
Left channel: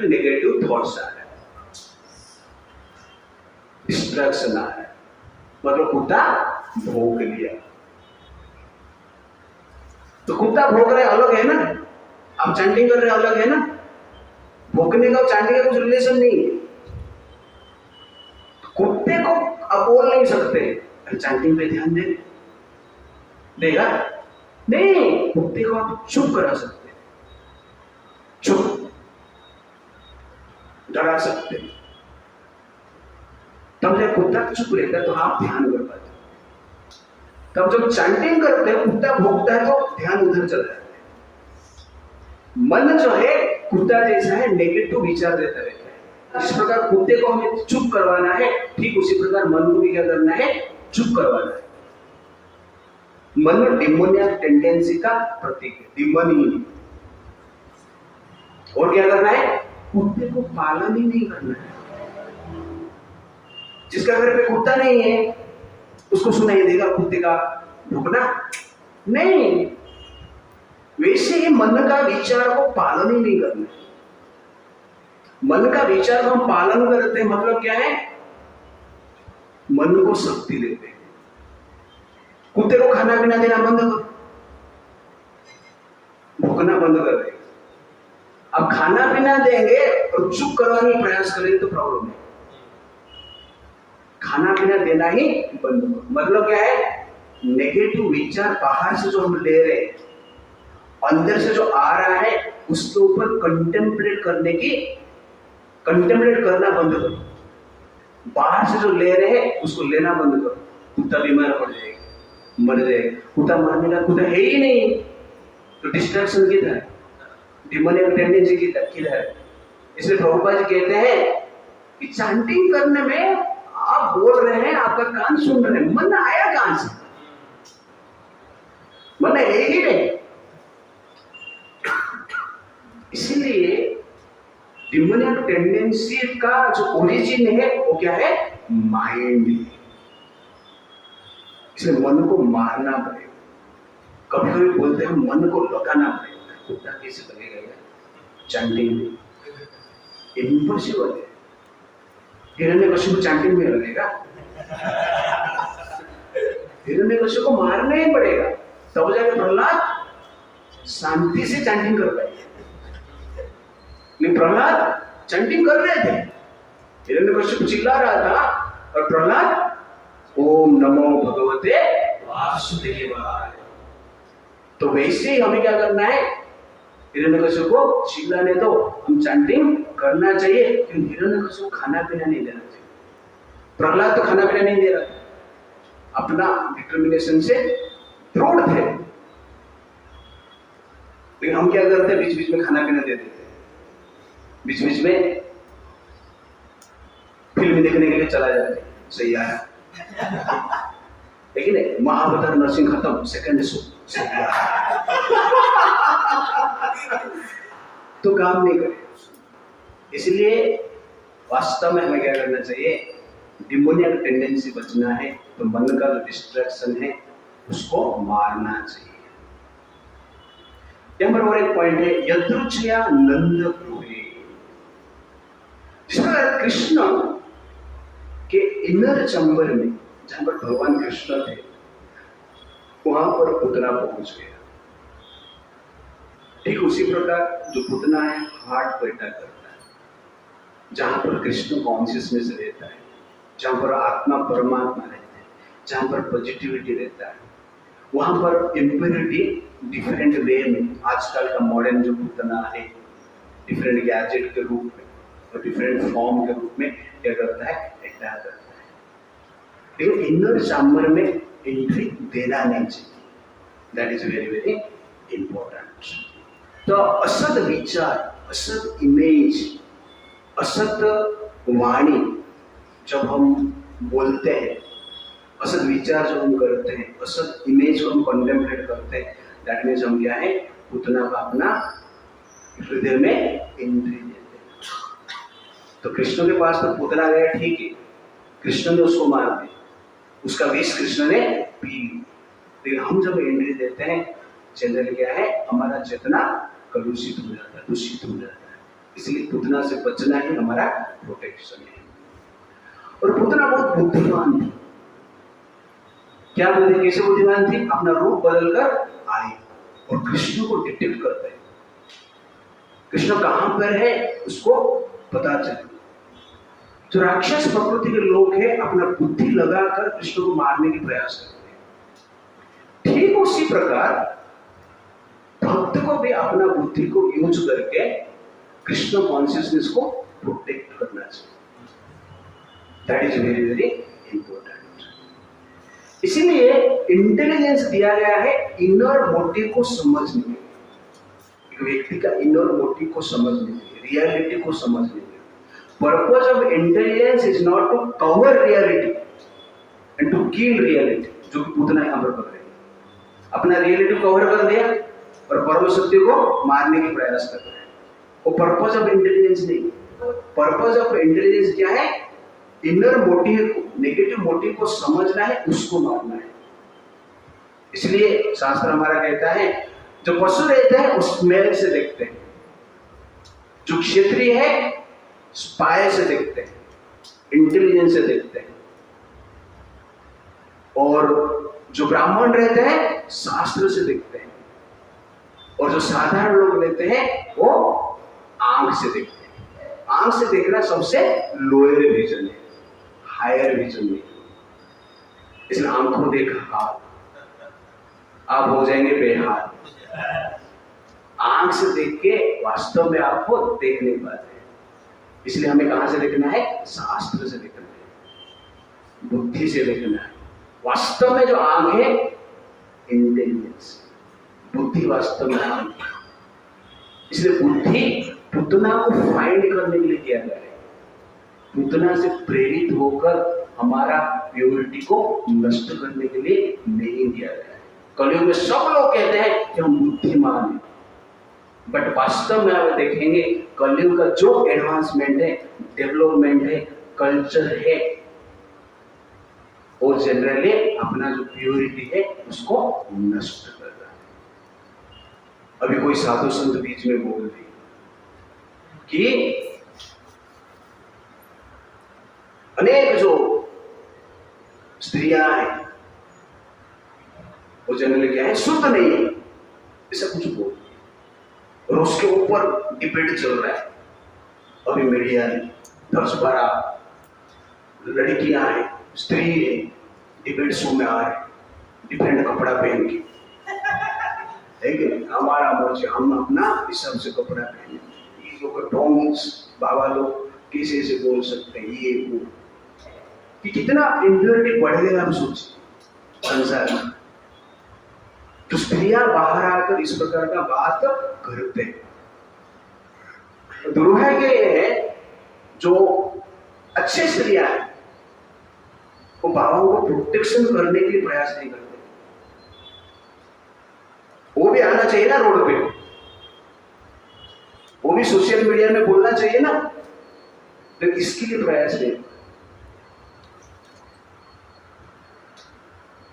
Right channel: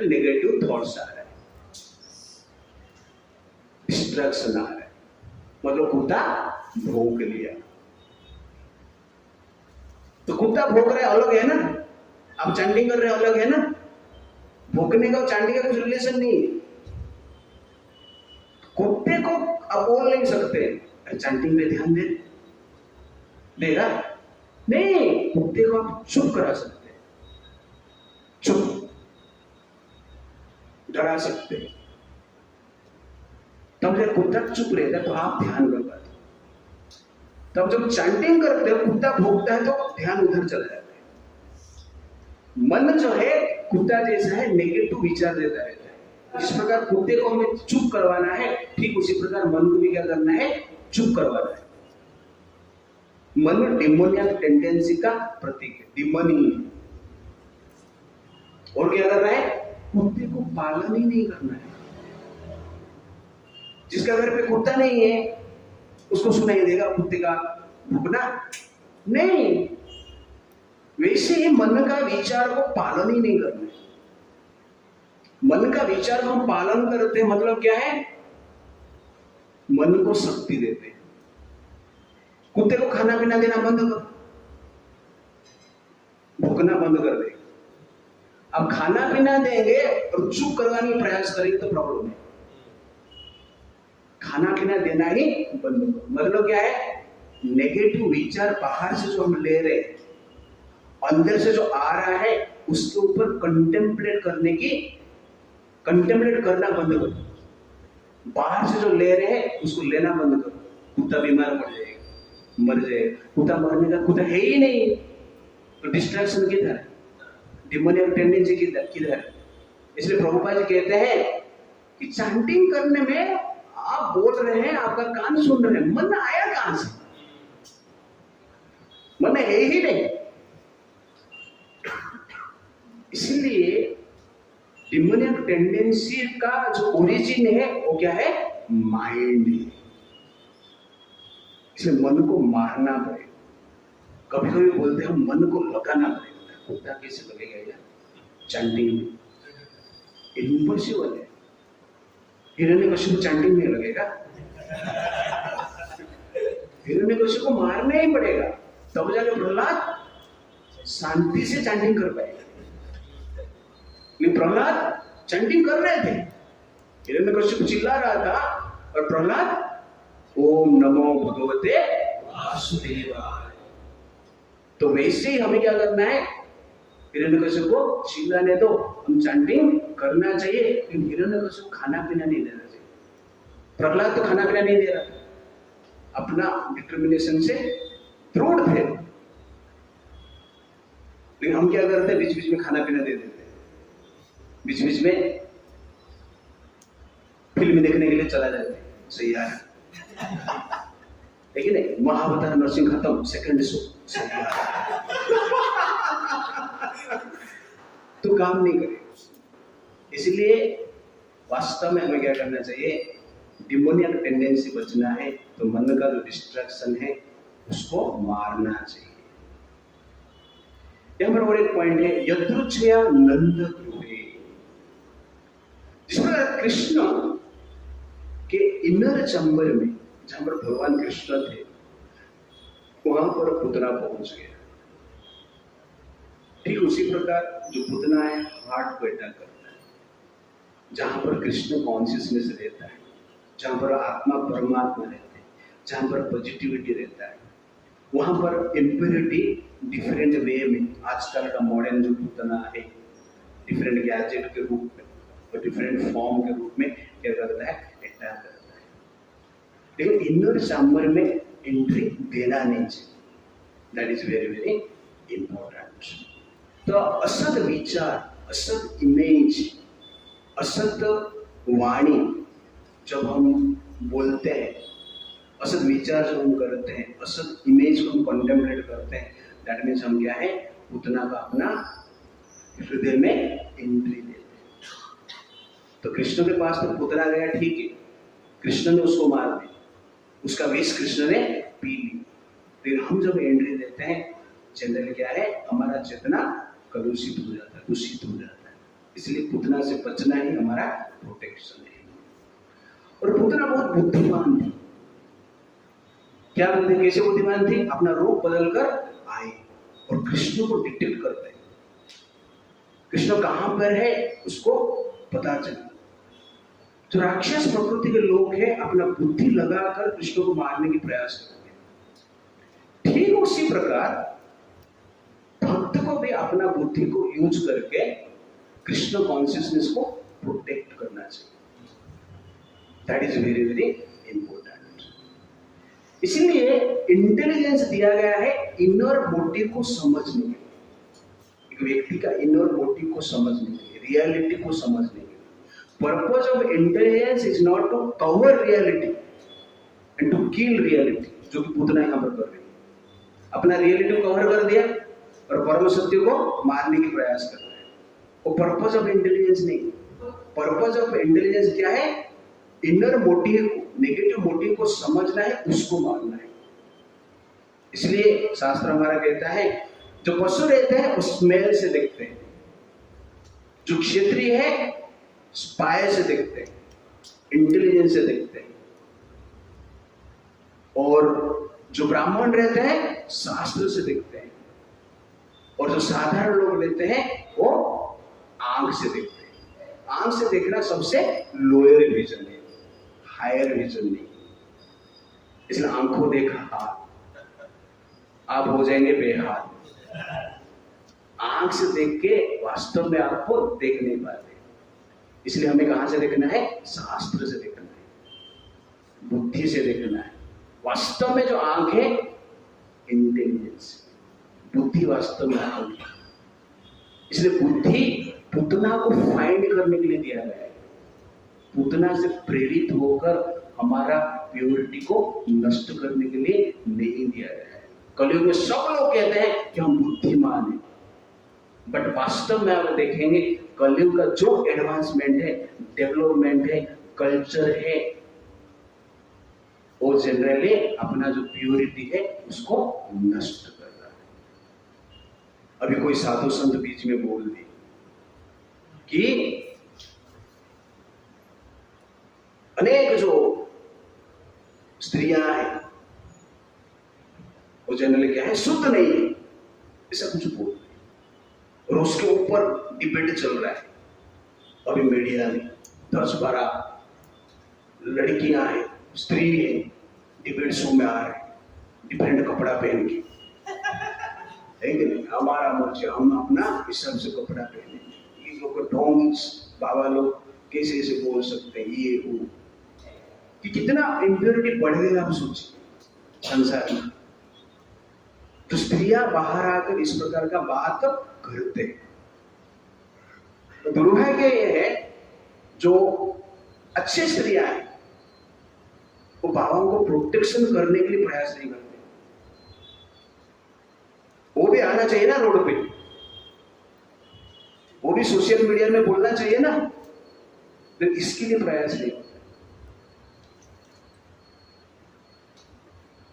नेगेटिव थॉट्स आ रहे हैं, डिस्ट्रैक्शन आ रहा है, मतलब कुत्ता भौंक लिया। तो कुत्ता भौंक रहे अलग है ना, आप चैंटिंग कर रहे अलग है ना। भौंकने का चैंटिंग का कुछ रिलेशन नहीं है। कुत्ते को आप बोल नहीं सकते चैंटिंग पे ध्यान दे, देगा नहीं। कुत्ते को आप चुप करा सकते, चुप डरा सकते, तब जब कुत्ता चुप रहता है तो आप ध्यान कर पाते। तब जब चैंटिंग करते हो, कुत्ता भौंकता है तो ध्यान उधर चला जाता है। मन जो है कुत्ता जैसा है, नेगेटिव विचार देता रहता है, जिस प्रकार कुत्ते को हमें चुप करवाना है, ठीक उसी प्रकार मन को भी क्या करना है, चुप करवाना है। मन डिमोनियक टेंडेंसी का प्रतीक है, डिमोनी। और क्या करना है, कुत्ते को पालन ही नहीं करना है। जिसका घर पे कुत्ता नहीं है उसको सुनाई देगा कुत्ते का भूकना? नहीं। वैसे ही मन का विचार को पालन ही नहीं करना है। मन का विचार को हम पालन करते हैं मतलब क्या है, मन को शक्ति देते हैं। कुत्ते को खाना पीना देना बंद करो, भूखना बंद कर देगा। अब खाना पीना देंगे और चुप करवाने का प्रयास करेंगे तो प्रॉब्लम है। खाना पीना देना ही बंद करो। मतलब क्या है, नेगेटिव विचार बाहर से जो हम ले रहे हैं, अंदर से जो आ रहा है उसके ऊपर कंटेम्पलेट करना बंद करो। बाहर से जो ले रहे हैं उसको लेना बंद करो। कुत्ता बीमार पड़ जाएगा, मर जाएगा। कुत्ता मरने का कुत्ता है ही नहीं, तो डिस्ट्रैक्शन किधर है, डिमोनियक टेंडेंसी किधर है। इसलिए प्रभुपाद जी कहते हैं कि चैंटिंग करने में आप बोल रहे हैं, आपका कान सुन रहे हैं, मन आया कहां से? मन है ही नहीं। इसीलिए डिमोनियक टेंडेंसी का जो ओरिजिन है वो क्या है, माइंड है। इसलिए मन को मारना पड़ेगा। कभी कभी बोलते हैं मन को लगाना पड़ेगा। कुत्ता कैसे लगेगा यार चैंटिंग में? इम्पॉसिबल है। हिरण्यकशिपु चैंटिंग में लगेगा? हिरण्यकशिपु को मारना ही पड़ेगा, तब जाके प्रहलाद शांति से चैंटिंग कर पाएगा। प्रहलाद चैंटिंग कर रहे थे, हिरण्यकशिपु चिल्ला रहा था और प्रहलाद ओम नमो भगवते वासुदेवाय। तो वैसे ही हमें क्या करना है, हिरण्यकशिपु को चिल्लाने दो, हम चैंटिंग करना चाहिए। लेकिन हिरण्यकशिपु को खाना पीना नहीं देना चाहिए। प्रहलाद तो खाना पीना नहीं दे रहा, अपना डिटर्मिनेशन से दृढ़ थे। लेकिन हम क्या करते हैं, बीच बीच में खाना पीना दे देते हैं। बीच बीच में फिल्म देखने के लिए चला जाते हैं, सही आया लेकिन महाअवतार नरसिंह खत्म, सेकंड शो सही आया तो काम नहीं करे। इसलिए वास्तव में हमें क्या करना चाहिए, डिमोनियक टेंडेंसी बचना है तो मन का जो डिस्ट्रैक्शन है उसको मारना चाहिए। यहाँ पर और एक पॉइंट है, यदृच्छया नंद गृहे। जिस प्रकार कृष्ण के इनर चैम्बर में जहां पर भगवान कृष्ण थे वहां पर पुतना पहुंच गया, ठीक उसी प्रकार जो पुतना है हार्ट पैदा करता है, जहां पर कृष्ण कॉन्शियसनेस रहता है, जहां पर आत्मा परमात्मा रहते हैं, जहां पर पॉजिटिविटी रहता है, वहां पर इम्प्योरिटी डिफरेंट वे में, आजकल का मॉडर्न जो पुतना है डिफरेंट गैजेट के रूप में और डिफरेंट फॉर्म के रूप में क्या करता है, अटैक करता है। लेकिन इनर चैम्बर में एंट्री देना नहीं चाहिए। That is very very important. तो असत विचार, असत इमेज, असत वाणी जब हम बोलते हैं, असत विचार जब हम करते हैं, असत इमेज को हम कंटेम्पलेट करते हैं, दैट मीन्स हम क्या है, पुतना का अपना हृदय में एंट्री देते हैं। तो कृष्ण के पास तो पुतना गया, ठीक है, कृष्ण ने उसको मार दिया, उसका विष कृष्ण ने पी ली। लेकिन हम जब एंट्री देते हैं, जनरल क्या है, हमारा चेतना कलुषित हो जाता है, दूषित हो जाता है। इसलिए पुतना से बचना ही हमारा प्रोटेक्शन है। और पुतना बहुत बुद्धिमान थी। क्या बोलते, कैसे बुद्धिमान थी, अपना रूप बदलकर आई और कृष्ण को डिटेक्ट करते हैं, कृष्ण कहां पर है उसको पता चला। जो राक्षस प्रकृति के लोग हैं अपना बुद्धि लगाकर कृष्ण को मारने की प्रयास करते हैं। ठीक उसी प्रकार भक्त को भी अपना बुद्धि को यूज करके कृष्ण कॉन्शियसनेस को प्रोटेक्ट करना चाहिए। That is very very important. इसीलिए इंटेलिजेंस दिया गया है इनर मोटिव को समझने के लिए, एक व्यक्ति का इनर मोटिव को समझने के लिए, रियलिटी को समझने के लिए। Purpose of intelligence is not to cover reality and to kill reality, जो कि पूतना यहां पर कर रहे हैं। अपना रियलिटी कवर कर दिया और परम सत्य को मारने की प्रयास कर रहे हैं। वो पर्पज ऑफ इंटेलिजेंस नहीं। पर्पज ऑफ इंटेलिजेंस क्या है? इनर मोटिव को, नेगेटिव मोटिव को समझना है, उसको मारना है। इसलिए शास्त्र हमारा कहता है जो पशु रहते हैं वो स्मेल से देखते हैं, जो क्षत्रिय है स्पाई से देखते हैं, इंटेलिजेंस से देखते हैं, और जो ब्राह्मण रहते हैं शास्त्र से देखते हैं, और जो साधारण लोग रहते हैं वो आंख से देखते हैं। आंख से देखना सबसे लोअर विजन है, हायर विजन नहीं। इसलिए आंखों देखा हाथ, आप हो जाएंगे बेहाल। आंख से देख के वास्तव में आपको देख नहीं पाते। इसलिए हमें कहां से देखना है? शास्त्र से देखना है, बुद्धि से देखना है। वास्तव में जो आंख है इंटेलिजेंस, बुद्धि वास्तव में आंख है। इसलिए बुद्धि पुतना को फाइंड करने के लिए दिया गया है। पुतना से प्रेरित होकर हमारा प्योरिटी को नष्ट करने के लिए नहीं दिया गया है। कलयुग में सब लोग कहते हैं कि हम बुद्धिमान हैं, बट वास्तव में आप देखेंगे कलयुग का जो एडवांसमेंट है, डेवलपमेंट है, कल्चर है, वो जनरली अपना जो प्योरिटी है उसको नष्ट कर रहा है। अभी कोई साधु संत बीच में बोल दी कि अनेक जो स्त्रियां हैं वो जनरली क्या है, शुद्ध नहीं है, ऐसा कुछ बोल, और उसके ऊपर डिबेट चल रहा है। अभी मीडिया में 10-12 लड़कियां हैं, स्त्री है, डिबेट शो में आ रहे, डिफरेंट कपड़ा पहन के, लेकिन हमारा मर्जी, हम अपना हिसाब से कपड़ा पहने। ये लोग डोंग्स बाबा लोग कैसे ऐसे बोल सकते हैं, ये वो, कि कितना इम्प्योरिटी बढ़ गया। आप सोचिए संसार में तो स्त्रियां बाहर आकर इस प्रकार का बात करते हैं। दुर्भाग्य ये है जो अच्छे स्त्रियां हैं वो बाबाओं को प्रोटेक्शन करने के लिए प्रयास नहीं करते। वो भी आना चाहिए ना रोड पे, वो भी सोशल मीडिया में बोलना चाहिए ना, लेकिन इसके लिए प्रयास नहीं।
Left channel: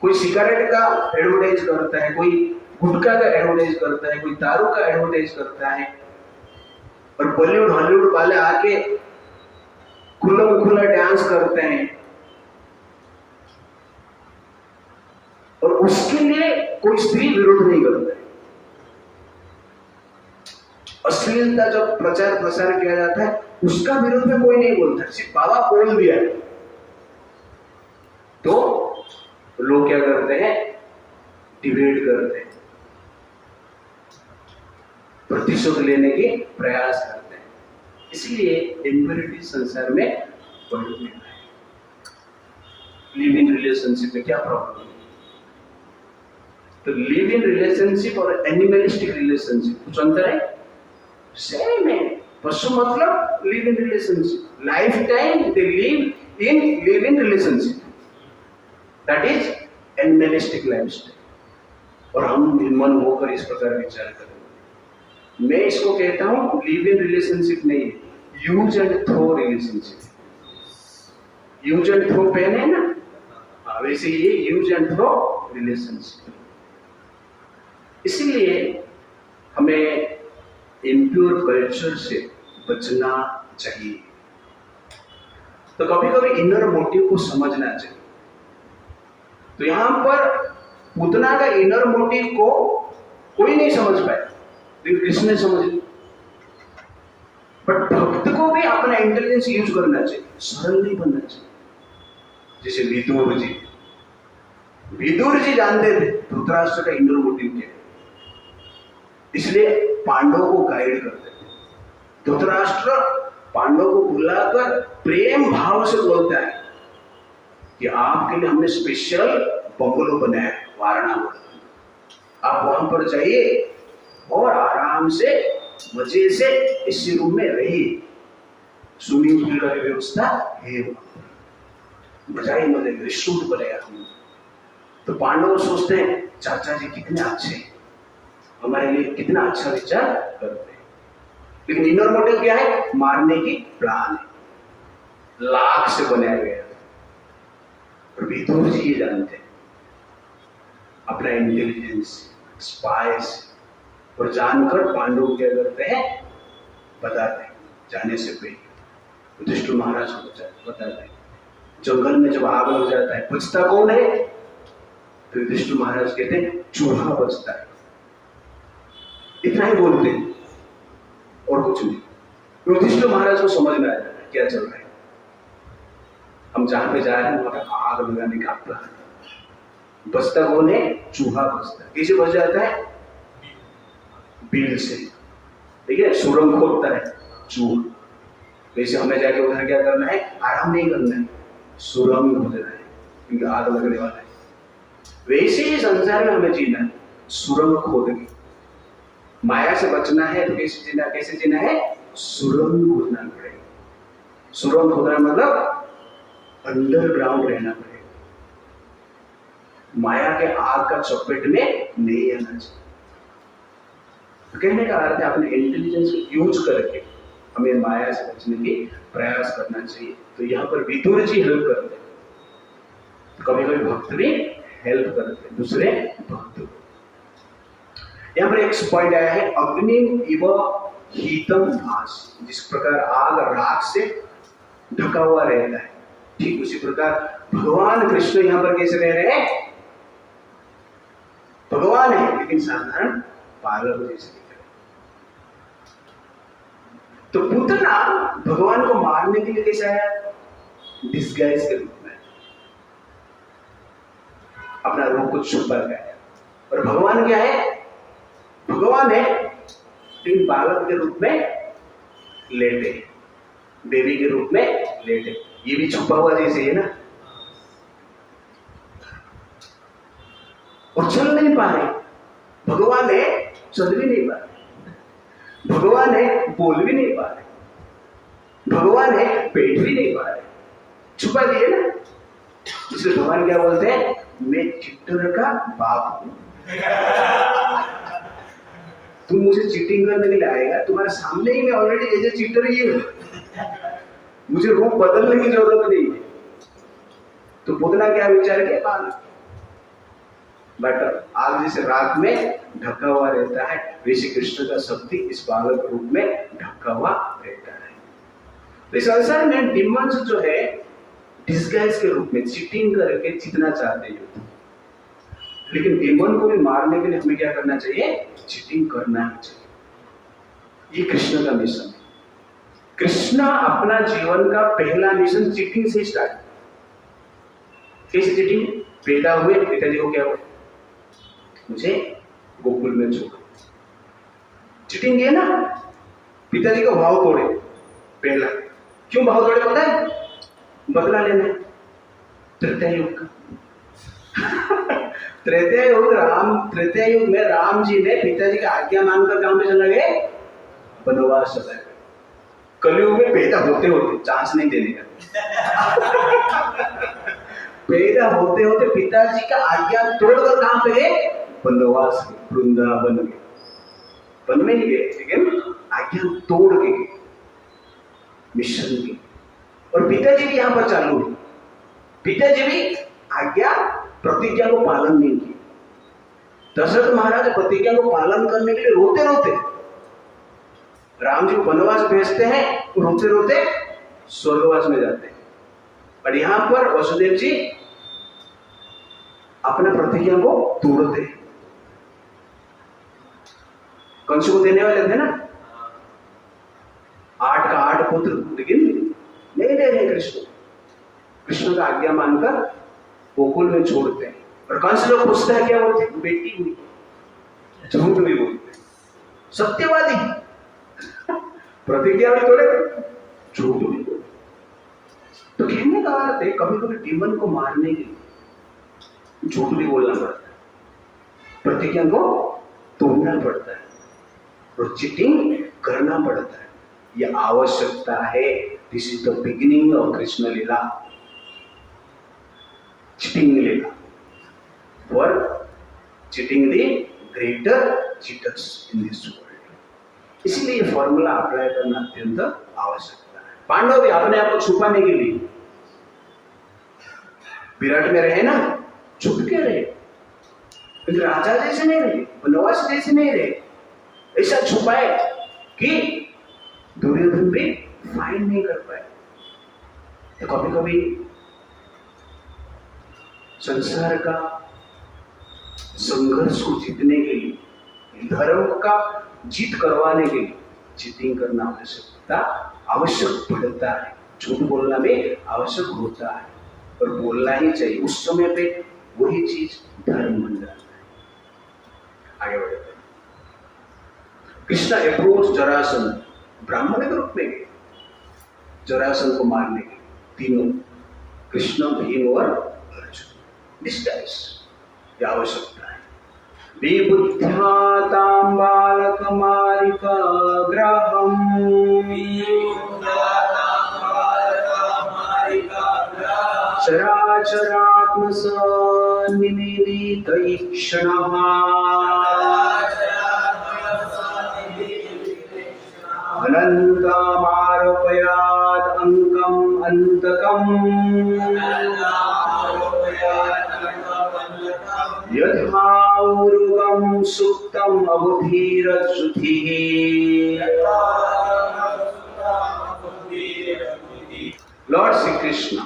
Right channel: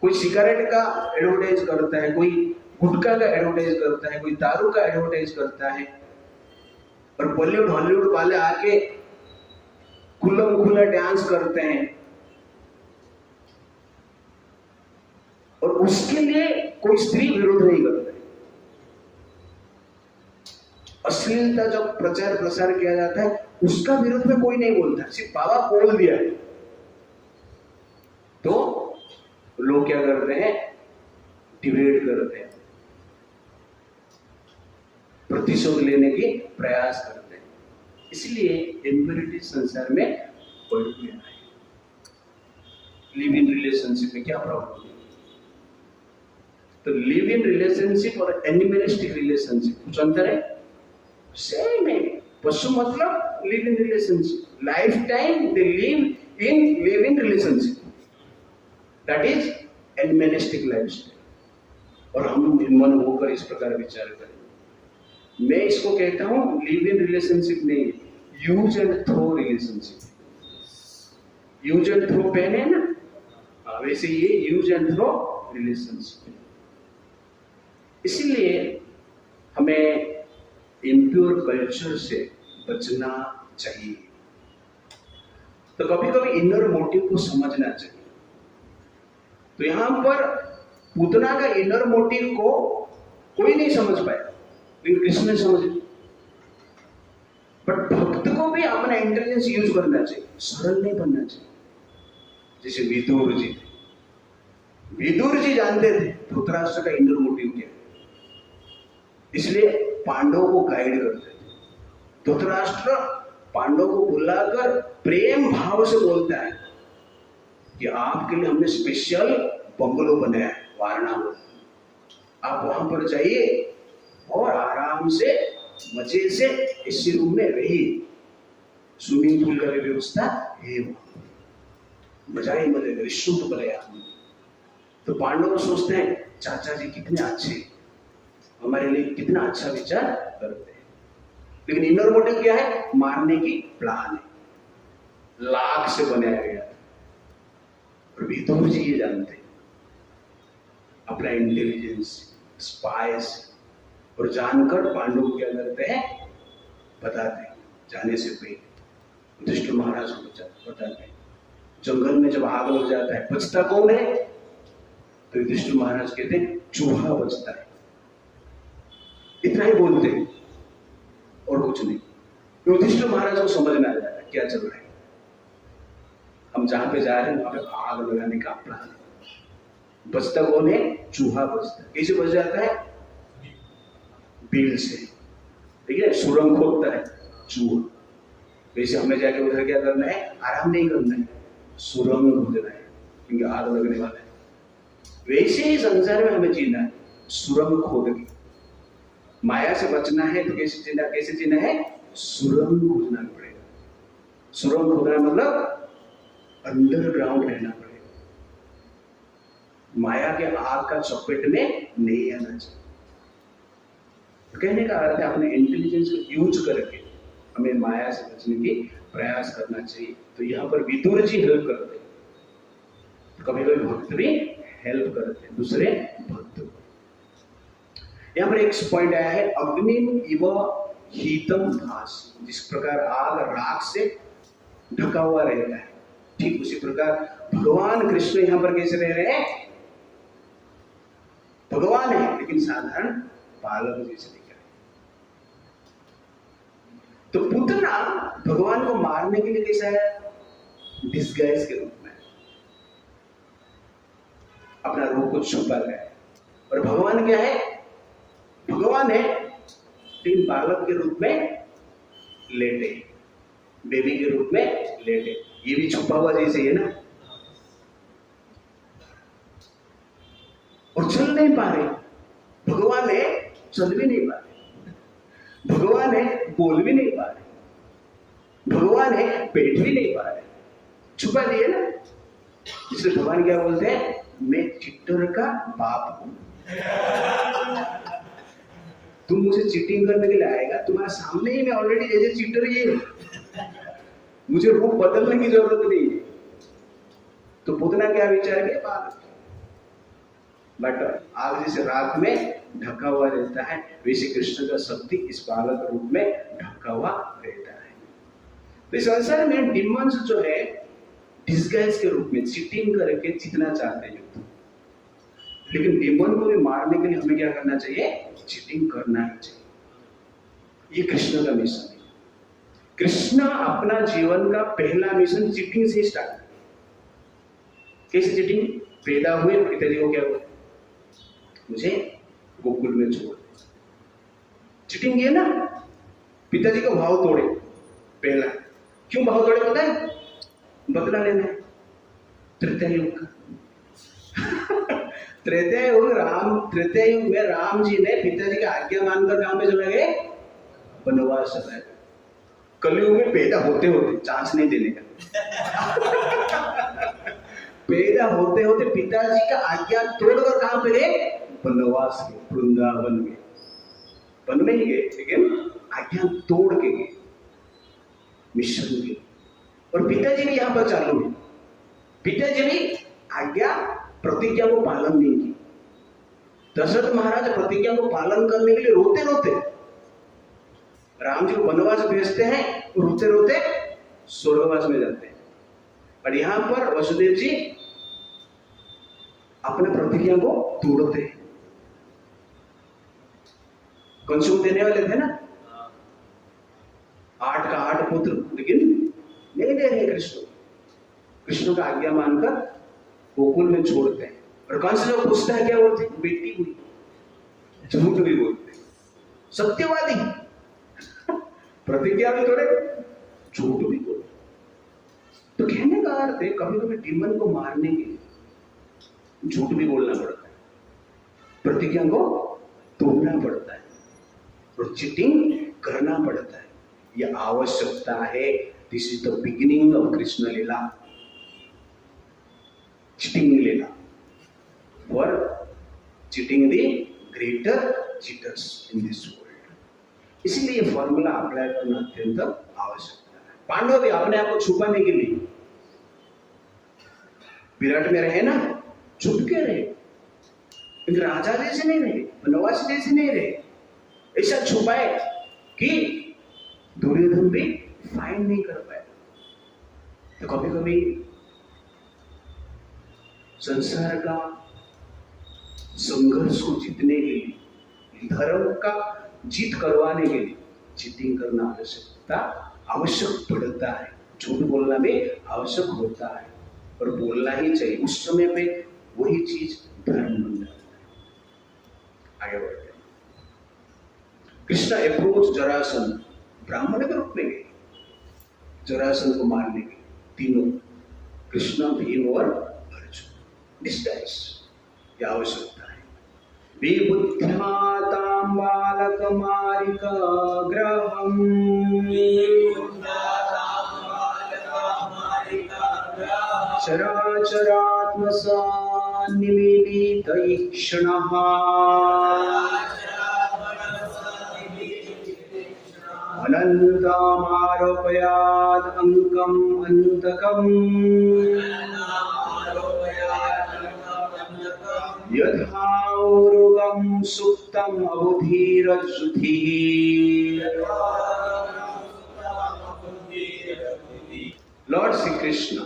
कोई सिगरेट का एडवर्टाइज करता है, कोई गुटखा का एडवर्टाइज करता है, कोई दारू का एडवर्टाइज करता है, और बॉलीवुड हॉलीवुड वाले आके खुल्लम खुल्ला डांस करते हैं, और उसके लिए कोई स्त्री विरोध नहीं करता है। अश्लीलता जब प्रचार प्रसार किया जाता है उसका विरोध में कोई नहीं बोलता, सिर्फ बाबा बोल दिया है तो लोग क्या करते हैं, डिबेट करते हैं, प्रतिशोध लेने के प्रयास करते हैं। इसलिए इम्प्योरिटी संसार में बढ़ने है। लिव इन रिलेशनशिप में क्या प्रॉब्लम है? तो लिव इन रिलेशनशिप और एनिमलिस्टिक रिलेशनशिप कुछ अंतर है? सेम है। पशु मतलब live in relationship, life time they live in relationship, that is animalistic lifestyle. और हम मन होकर इस प्रकार विचार करें। मैं इसको कहता हूं लिव इन रिलेशनशिप नहीं, use and throw relationship. Use and throw pen है ना, वैसे ये यूज एंड थ्रो रिलेशनशिप। इसीलिए हमें इम्प्योर कल्चर से बचना चाहिए। तो कभी कभी इनर मोटिव को समझना चाहिए। तो यहां पर पूतना का इनर मोटिव को कोई नहीं समझ पाया, लेकिन कृष्ण ने समझ लिया। बट भक्त को भी अपना इंटेलिजेंस यूज करना चाहिए, सरल नहीं बनना चाहिए। जैसे विदुर जी जानते थे धृतराष्ट्र का इनर मोटिव क्या है, इसलिए पांडवों को गाइड करते थे। धृतराष्ट्र पांडवों को बुलाकर प्रेम भाव से बोलता है कि आपके लिए हमने स्पेशल बंगलो बनाया है वाराणसी, आप वहां पर जाइए और आराम से मजे से इसी रूम में रहिए। स्विमिंग पूल का व्यवस्था है, मजा ही मजे रिश्रूट बनेगा हम। तो पांडव सोचते हैं चाचा जी कितने अच्छे, हमारे लिए कितना अच्छा विचार करते हैं, लेकिन इनर मोटिव क्या है? मारने की प्लान है, लाख से बनाया गया। और विदुर जी ये जानते हैं अपना इंटेलिजेंस स्पाइस, और जानकर पांडव क्या करते हैं? बताते हैं जाने से पहले युधिष्ठिर महाराज को बताते हैं। जंगल में जब आग लग जाता है बचता कौन है? तो युधिष्ठिर महाराज कहते हैं चूहा बचता है। इतना ही बोलते हैं और कुछ नहीं। युधिष्ठिर महाराज को समझ में आ जाता है क्या चल रहा है, हम जहां पे जा रहे हैं वहां पे आग लगाने का प्लान। बचता कौन है? चूहा बचता है। कैसे बच जाता है? बील से, ठीक है, सुरंग खोदता है चूहा। वैसे हमें जाके उधर क्या करना है? आराम नहीं करना है, सुरंग खोदना है, क्योंकि आग लगने वाला है। वैसे ही संसार में हमें जीना है, सुरंग खोद के। माया से बचना है तो कैसे जीना है? सुरंग खोदना पड़ेगा। सुरंग खोदना मतलब अंडरग्राउंड रहना पड़ेगा, माया के आग का चपेट में नहीं आना चाहिए। तो कहने का अर्थ है अपने इंटेलिजेंस को यूज करके हमें माया से बचने की प्रयास करना चाहिए। तो यहाँ पर विदुर जी हेल्प करते हैं, कभी कभी भक्त भी हेल्प करते हैं दूसरे भक्त को। यहाँ पर एक पॉइंट आया है अग्नि इव हीतम भास। जिस प्रकार आग राख से ढका हुआ रहता है, ठीक उसी प्रकार भगवान कृष्ण यहाँ पर कैसे रह रहे हैं? भगवान है लेकिन साधारण बालक जैसे दिख रहे। तो पूतना भगवान को मारने के लिए कैसे आया? डिस्गाइज के रूप में अपना रूप को छुपा गया। और भगवान क्या है? भगवान है लेकिन बालक के रूप में लेटे, बेबी के रूप में लेटे। ये भी छुपा हुआ जैसे है ना, और चल नहीं पा रहे। भगवान है, चल भी नहीं पा रहे। भगवान है, बोल भी नहीं पा रहे। भगवान है, बैठ भी नहीं पा रहे, छुपा दिए ना। इसलिए भगवान क्या बोलते हैं? मैं चिट्टर का बाप हूं। तुम मुझे चीटिंग करने के लिए आएगा, तुम्हारे सामने ही मैं ऑलरेडी एज ए चीटर ही हूं, मुझे रूप बदलने की जरूरत नहीं है। तो पुतना क्या विचार किया? बालक बेटर आग जैसे रात में ढका हुआ रहता है, वैसे कृष्ण का शक्ति इस बालक रूप में ढका हुआ रहता है। तो इस संसार में डिमंस जो है डिस्गाइज के रूप में चीटिंग करके जीतना चाहते हैं, लेकिन डिमन को भी मारने के लिए हमें क्या करना चाहिए? चीटिंग करना ही चाहिए। ये कृष्ण का मिशन है। कृष्ण अपना जीवन का पहला मिशन चीटिंग से स्टार्ट। कैसे चीटिंग? पैदा हुए, पिताजी को क्या बोले? मुझे गोकुल में छोड़। चीटिंग है ना, पिताजी का भाव तोड़े पहला। क्यों भाव तोड़े पता है? बदला लेना है त्रेता युग का। त्रेता युग में राम जी ने पिताजी का आज्ञा मानकर कहां पे चला गए? वनवास चला गए। कलयुग में पैदा होते होते चांस नहीं देने का। पैदा होते होते पिताजी का आज्ञा तोड़कर कहां पे गए? वनवास गए, वृंदावन गए। वन में नहीं गए लेकिन आज्ञा तोड़ के गए, मिशन की। और पिताजी भी यहां पर चालू है। पिताजी भी आज्ञा प्रतिज्ञा को पालन नहीं किया। दशरथ महाराज प्रतिज्ञा को पालन करने के लिए रोते रोते राम जी को वनवास भेजते हैं, रोते रोते स्वर्गवास में जाते हैं। और यहां पर वसुदेव जी अपने प्रतिज्ञा को तोड़ते हैं। कंस को देने वाले थे ना 8 का 8 पुत्र, लेकिन नहीं दे रहे कृष्ण। कृष्ण का आज्ञा मानकर गोकुल में छोड़ते हैं। और कंस जो पूछता है क्या बोलते? बेटी हुई। झूठ भी बोलते, सत्यवादी। प्रतिज्ञा भी तोड़े, झूठ भी बोलते। तो कहने का अर्थ है कभी कभी डीमन को मारने के लिए झूठ भी बोलना पड़ता है, प्रतिज्ञा को तोड़ना पड़ता है और चीटिंग करना पड़ता है। यह आवश्यकता है this is the beginning of Krishna Leela, cheating Leela, for cheating the greater cheaters in this world. इसलिए ये फॉर्मूला अप्लाई करना अत्यंत आवश्यकता है। पांडव भी अपने आप को छुपाने के लिए विराट में रहे ना, छुप के रहे, लेकिन राजा जैसे नहीं रहे, बनवास जैसे नहीं रहे, ऐसा छुपाए कि दुर्योधन भी फाइंड नहीं कर पाए। तो कभी कभी संसार का संघर्ष को जीतने के लिए, धर्म का जीत करवाने के लिए चीटिंग करना आवश्यक पड़ता है। झूठ बोलना भी आवश्यक होता है और बोलना ही चाहिए। उस समय पे वही चीज धर्म बन जाता है। आगे बढ़ते हैं। कृष्ण अप्रोच जरासंध, ब्राह्मण के रूप में गए जरासंध को मारने के, तीनों कृष्ण, भीम और अर्जुन। डिस्टाइज ये आवश्यकता है। विबुद्ध्या तां बालकमारिकाग्रहम् चराचरात्मसन्निमीलितैक्षणः अनन्तमारोपयात् अङ्कम् अन्तकम् यथा उरुगं सुप्तम् अबुधिरश्रुतिः। Lord Sri Krishna,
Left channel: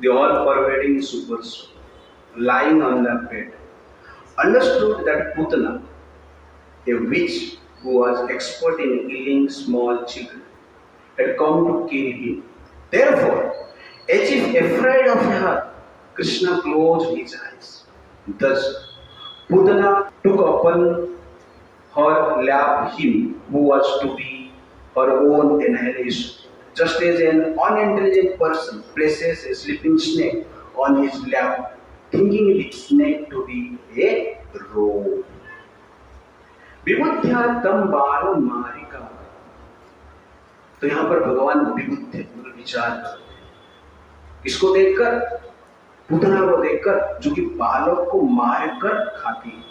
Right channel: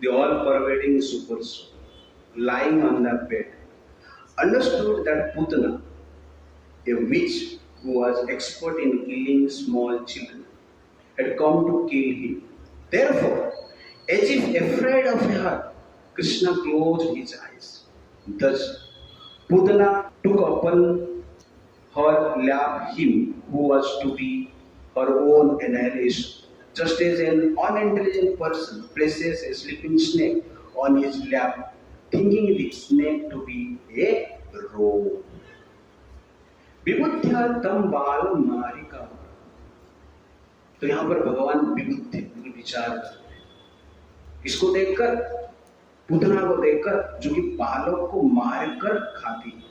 the all-pervading super soul, lying on the bed, understood that Putana, a witch who was expert in killing small children, had come to kill him. Therefore, as if afraid of her, Krishna closed his eyes. Thus, Putana took upon her lap him who was to be her own annihilation, just as an unintelligent person places a sleeping snake on his lap, thinking the snake to be a rope. विबुद्ध्या तम बालम मारिका। तो यहाँ पर भगवान विबुद्ध विचार करते हैं, इसको देखकर, पूतना को देखकर, जो कि बालक को मारकर खाती है।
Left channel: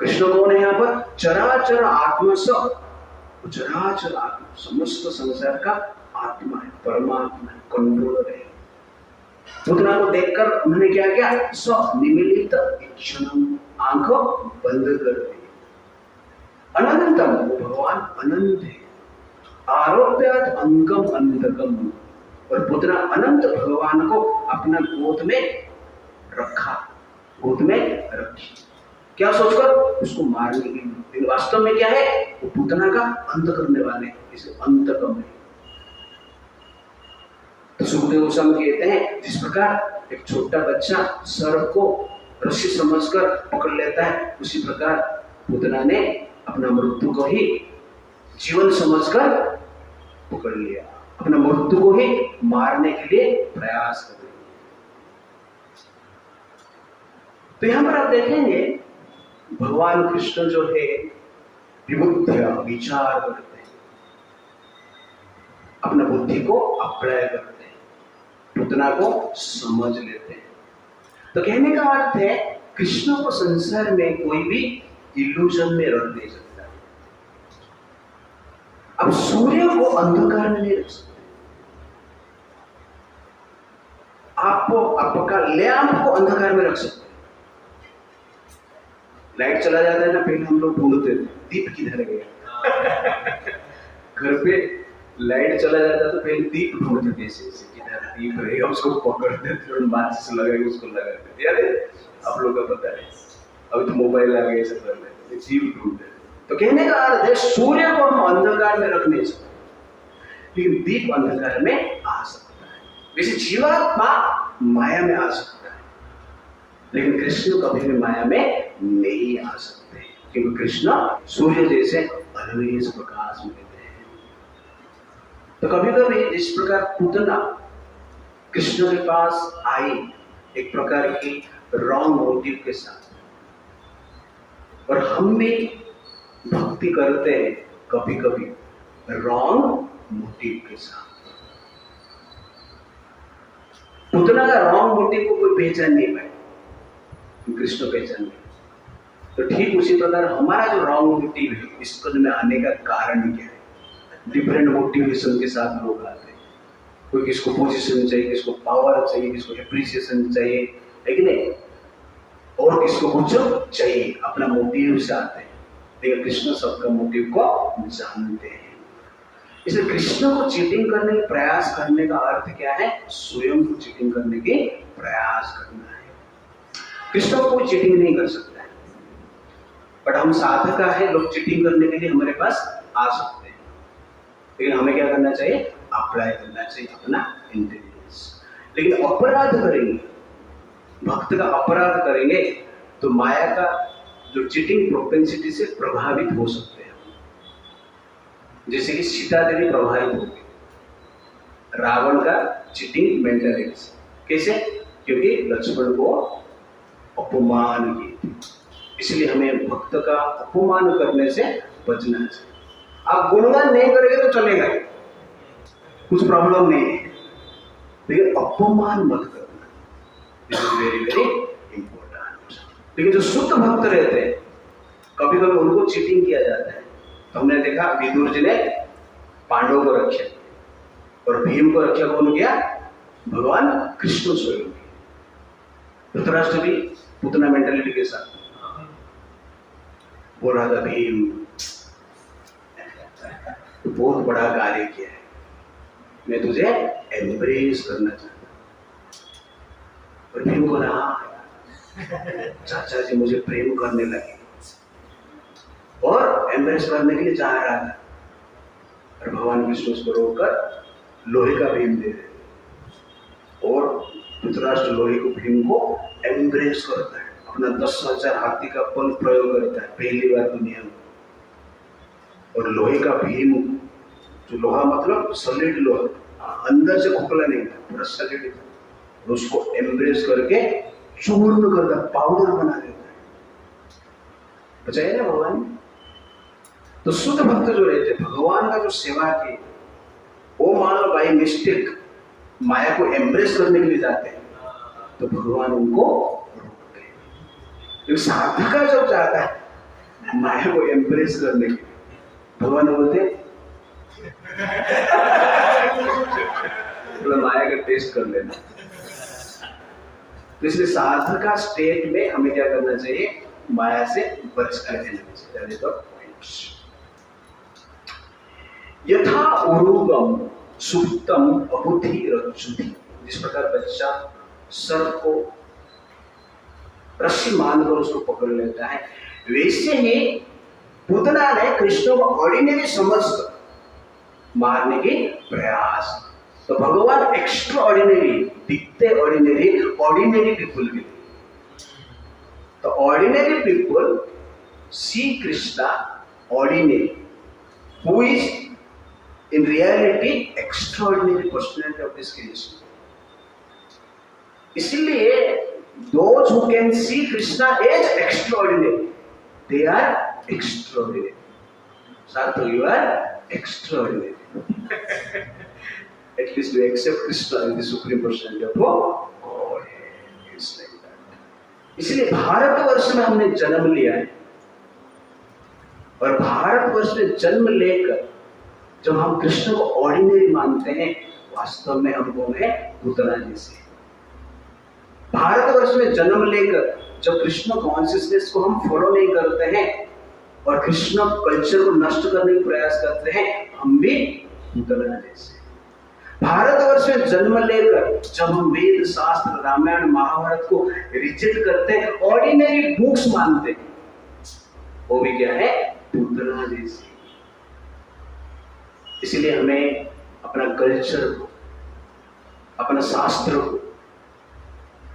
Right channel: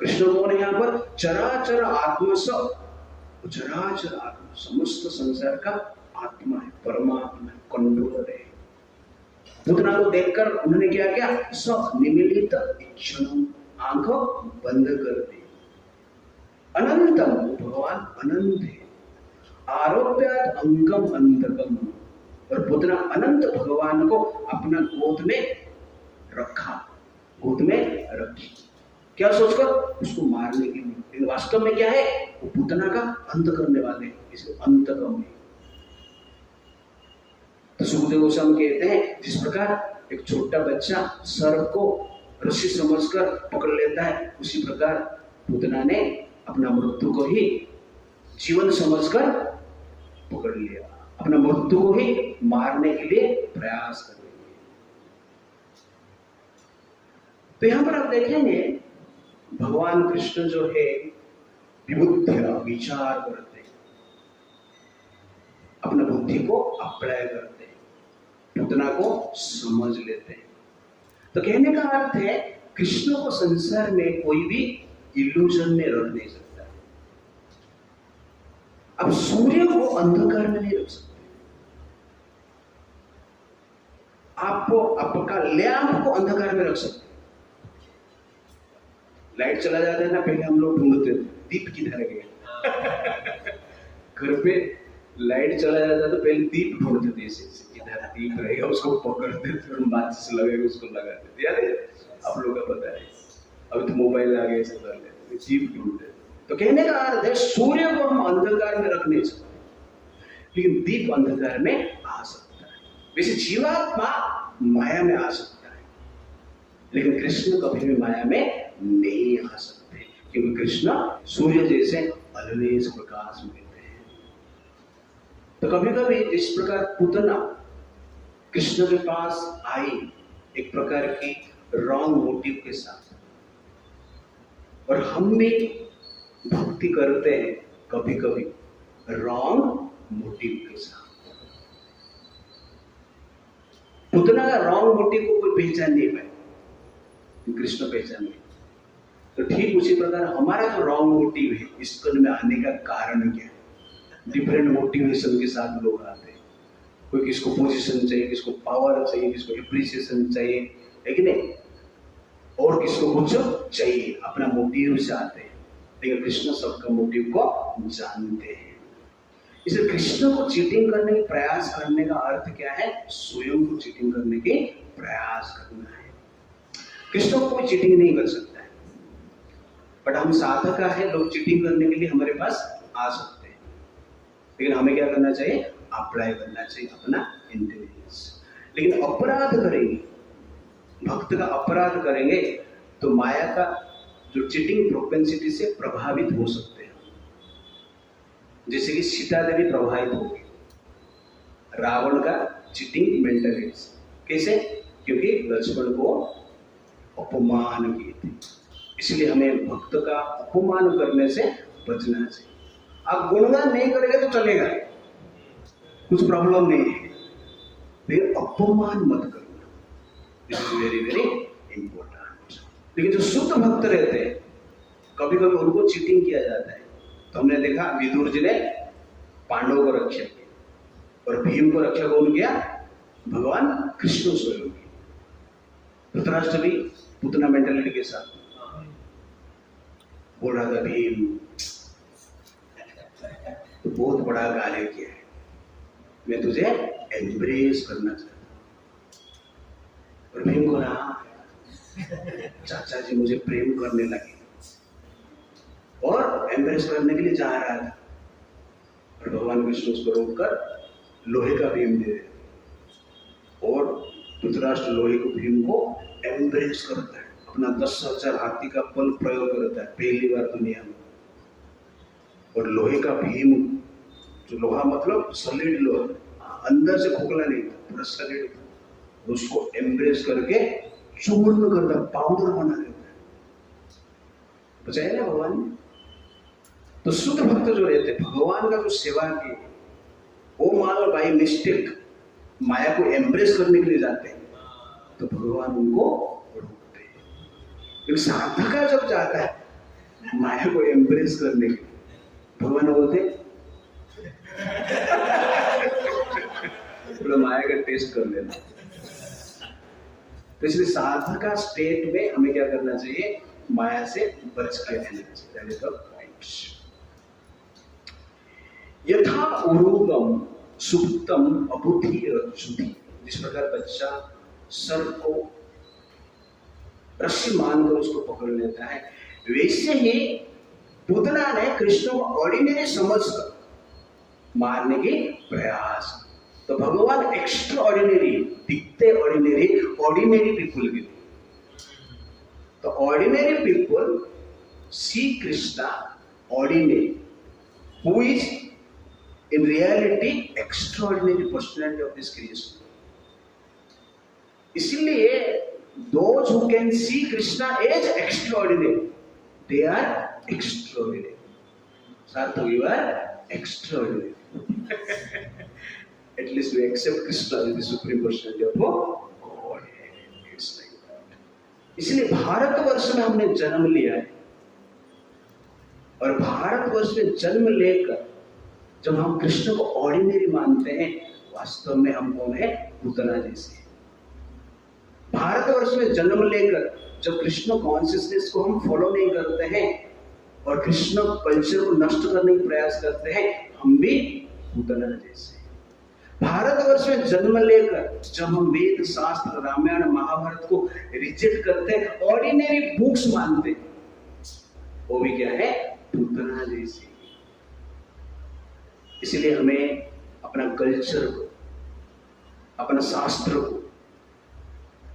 कृष्ण कौन है यहाँ पर? चराचर आत्मा, सब चराचर आत्मा, समस्त संसार का आत्मा है, परमात्मा है, कंट्रोलर है। पूतना को देखकर उन्होंने क्या किया? सब निमिलित इच्छनम, आंखों बंद कर दी। अनंतम, वो भगवान अनंत है। आरोप्यात अंकम अंतकम, और पुतना अनंत भगवान को अपना गोद में रखा, गोद में रखी, क्या सोचकर? उसको मारने के लिए। लेकिन वास्तव में क्या है? वो पुतना का अंत करने वाले, इसे अंतकम है। तो सुखदेव गोस्वामी कहते हैं, जिस प्रकार एक छोटा बच्चा सर्प को रस्सी समझकर पकड़ लेता है, उसी प्रकार पुतना ने अपना मृत्यु को ही जीवन समझकर पकड़ लिया, अपना मृत्यु को ही मारने के लिए प्रयास कर रहे। तो यहां पर आप देखेंगे भगवान कृष्ण जो है विबुद्ध विचार करते हैं, अपना बुद्धि को अप्लाई करते हैं, पूतना को समझ लेते हैं। तो कहने का अर्थ है, कृष्ण को संसार में कोई भी इल्यूजन में रख नहीं सकता। अब सूर्य को अंधकार में नहीं रख सकते। आपको आपका लैंप को अंधकार में रख सकते। लाइट चला जाता है ना, पहले हम लोग ढूंढते थे दीप किधर गया। घर पे लाइट चला जाता तो पहले दीप ढूंढते थे, ऐसे किधर दीप रहेगा, उसको पकड़ते थे और माचिस लगाएंगे, उसको लगाते थे। याद है आप लोगों को? पता है, अभी तो मोबाइल आ गए, सब कर लेते, दीप ढूंढते। तो कहने का अर्थ है, सूर्य को हम अंधकार में रख नहीं सकते, लेकिन दीप अंधकार में आ सकता है। वैसे जीवात्मा माया में आ सकता है, लेकिन कृष्ण कभी भी माया में नहीं आ सकते, क्योंकि कृष्ण सूर्य जैसे अलवेज प्रकाश में रहते हैं। तो कभी कभी इस प्रकार पूतना कृष्ण के पास आई एक प्रकार की रॉन्ग मोटिव के साथ, और हम भी भक्ति करते हैं कभी कभी रॉन्ग मोटिव के साथ, पुतना का रॉन्ग मोटिव को कोई पहचान नहीं पाए, कृष्ण पहचान गए। तो ठीक उसी प्रकार हमारा जो रॉन्ग मोटिव है, इस कद में आने का कारण क्या है? डिफरेंट मोटिवेशन के साथ लोग आते हैं। कोई किसको पोजीशन चाहिए, किसको पावर चाहिए, किसको एप्रिसिएशन चाहिए, है कि नहीं, और किसको कुछ चाहिए, अपना मोटिव से आते हैं। लेकिन कृष्ण सबका मोटिव को जानते हैं। इसलिए कृष्ण को चीटिंग करने का प्रयास करने का अर्थ क्या है? स्वयं को चीटिंग करने के प्रयास करना है। कृष्ण को कोई चीटिंग नहीं कर सकता है, बट हम साधक है, लोग चीटिंग करने के लिए हमारे पास आ सकते हैं। लेकिन हमें क्या करना चाहिए? अप्लाई करना चाहिए अपना इंटेलिजेंस। लेकिन अपराध करेंगे, भक्त का अपराध करेंगे, तो माया का जो चीटिंग प्रोपेंसिटी से प्रभावित हो सकते हैं। जैसे कि सीता देवी प्रभावित हो गई रावण का चीटिंग मेंटालिटी से। कैसे? क्योंकि लक्ष्मण को अपमान किए थे। इसलिए हमें भक्त का अपमान करने से बचना चाहिए। आप गुणगान नहीं करेंगे तो चलेगा, कुछ प्रॉब्लम नहीं है, लेकिन अपमान मत करना, this is very very important. लेकिन जो शुद्ध भक्त रहते हैं, कभी कभी उनको चीटिंग किया जाता है। तो हमने देखा विदुर जी ने पांडवों को रक्षा किया और भीम को रक्षा कौन किया? भगवान कृष्ण स्वयं। धृतराष्ट्र भी पुतना मेंटालिटी के साथ बोल रहा था, भीम तो बहुत बड़ा कार्य किया है, मैं तुझे एम्ब्रेस करना चाहता हूं। और भीम को रहा, चाचा जी मुझे प्रेम करने लगे और एम्ब्रेस करने के लिए चाह रहा था, और भगवान विष्णु उसको रोककर लोहे का भीम दे रहे, और धृतराष्ट्र लोहे को भीम को एम्ब्रेस करता है, अपना 10,000 हाथी का बल प्रयोग करता है पहली बार दुनिया में। और लोहे का भीम, जो लोहा मतलब सॉलिड लोहा, अंदर से खोखला नहीं था, पूरा सॉलिड, उसको एम्ब्रेस करके चूर्ण करता, पाउडर बना देता है। बचाइए ना भगवान। तो शुद्ध भक्त जो रहते, भगवान का जो सेवा की, वो मान लो बाई मिस्टेक माया को एम्ब्रेस करने के लिए जाते हैं, तो भगवान उनको रोकते हैं। क्योंकि साधका जब जाता है माया को एम्ब्रेस करने के लिए, भगवान बोलते तो माया का टेस्ट कर लेना। तो इसलिए साधका स्टेट में हमें क्या करना चाहिए? माया से बच कर रहना चाहिए। तो यथा उरुगम सुप्तम अबुद्धि रज्जुति, जिस प्रकार बच्चा सर्प को रस्सी मानकर उसको पकड़ लेता है, वैसे ही पुतना ने कृष्ण को ऑर्डिनरी समझकर मारने के प्रयास। तो भगवान एक्स्ट्रा ऑर्डिनरी दिखते, ऑर्डिनरी पीपुल के लिए। तो ordinary people see Krishna ordinary, who is in reality extraordinary personality of this creation. इसलिए those who can see Krishna as extraordinary, they are extraordinary. Sarthak, you are extraordinary. At least we accept Krishna as the supreme personality of God. It's like that. इसलिए भारतवर्ष में हमने जन्म लिया है, और भारतवर्ष में जन्म लेकर जब हम कृष्ण को ऑर्डिनरी मानते हैं, वास्तव में हम कौन है? पुतना जैसे। भारतवर्ष में जन्म लेकर जब कृष्ण कॉन्शियसनेस को हम फॉलो नहीं करते हैं और कृष्ण कल्चर को नष्ट करने का प्रयास करते हैं, हम भी पुतना जैसे। भारतवर्ष में जन्म लेकर जब हम वेद शास्त्र रामायण महाभारत को रिजेक्ट करते हैं, ऑर्डिनरी बुक्स मानते हैं, वो भी क्या है? पुतना जैसे। इसलिए हमें अपना कल्चर को, अपना शास्त्र को,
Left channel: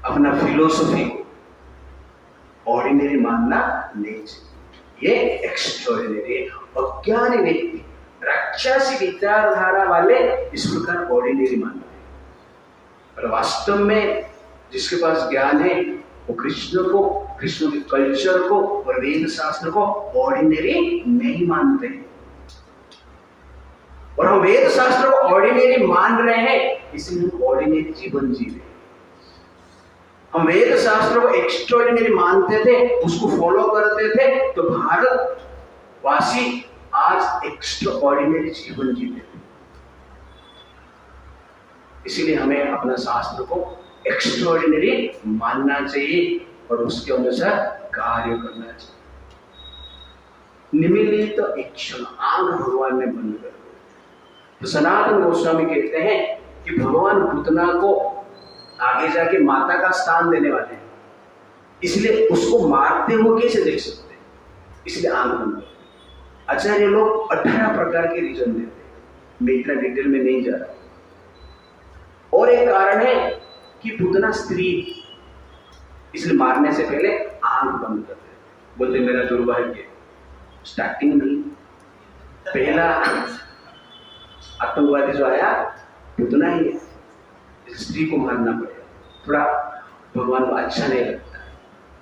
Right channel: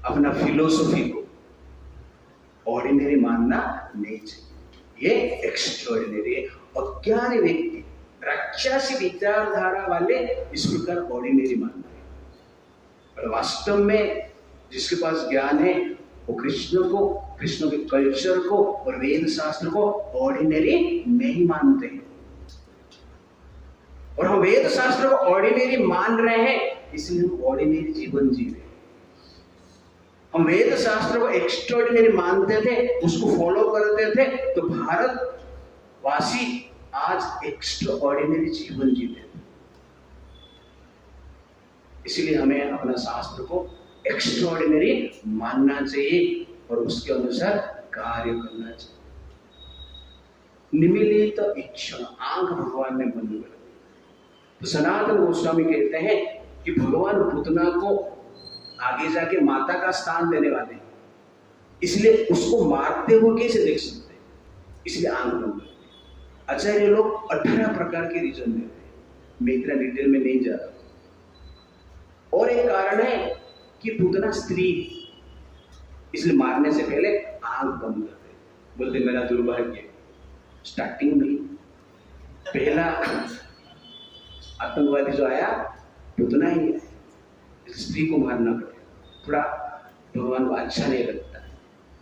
अपना फिलोसफी को ऑर्डिनरी मानना नहीं चाहिए। ये एक्स्ट्राऑर्डिनरी है। अज्ञानी व्यक्ति, राक्षसी विचारधारा वाले इस प्रकार ऑर्डिनरी मानते हैं, और वास्तव में जिसके पास ज्ञान है वो कृष्ण को, कृष्ण के कल्चर को और वेद शास्त्र को ऑर्डिनरी नहीं मानते हैं। और हम वेद शास्त्र को ऑर्डिनरी मान रहे हैं, इसलिए हम ऑर्डिनरी जीवन जी रहे हैं। हम वेद शास्त्र को एक्स्ट्राऑर्डिनरी मानते थे, उसको फॉलो करते थे, तो भारतवासी आज एक्स्ट्राऑर्डिनरी जीवन जीते थे। इसीलिए हमें अपना शास्त्र को एक्स्ट्राऑर्डिनरी मानना चाहिए और उसके अनुसार कार्य करना चाहिए। निमिलित इच्छा, आंख भगवान ने बंद कर दी। तो सनातन गोस्वामी कहते हैं कि भगवान पुतना को आगे जाके माता का स्थान देने वाले हैं, इसलिए उसको मारते हुए कैसे देख सकते हैं, इसलिए आंख बंद कर। आचार्य लोग 18 प्रकार के रीजन देते हैं, मैं इतना डिटेल में नहीं जा रहा। और एक कारण है कि पुतना स्त्री, इसलिए मारने से पहले आंख बंद करते, बोलते मेरा दुर्भाग्य स्टार्टिंग में पहला आतंकवादी जो आया पुतना ही है, स्त्री को मारना पड़ेगा, थोड़ा भगवान को अच्छा नहीं लगता,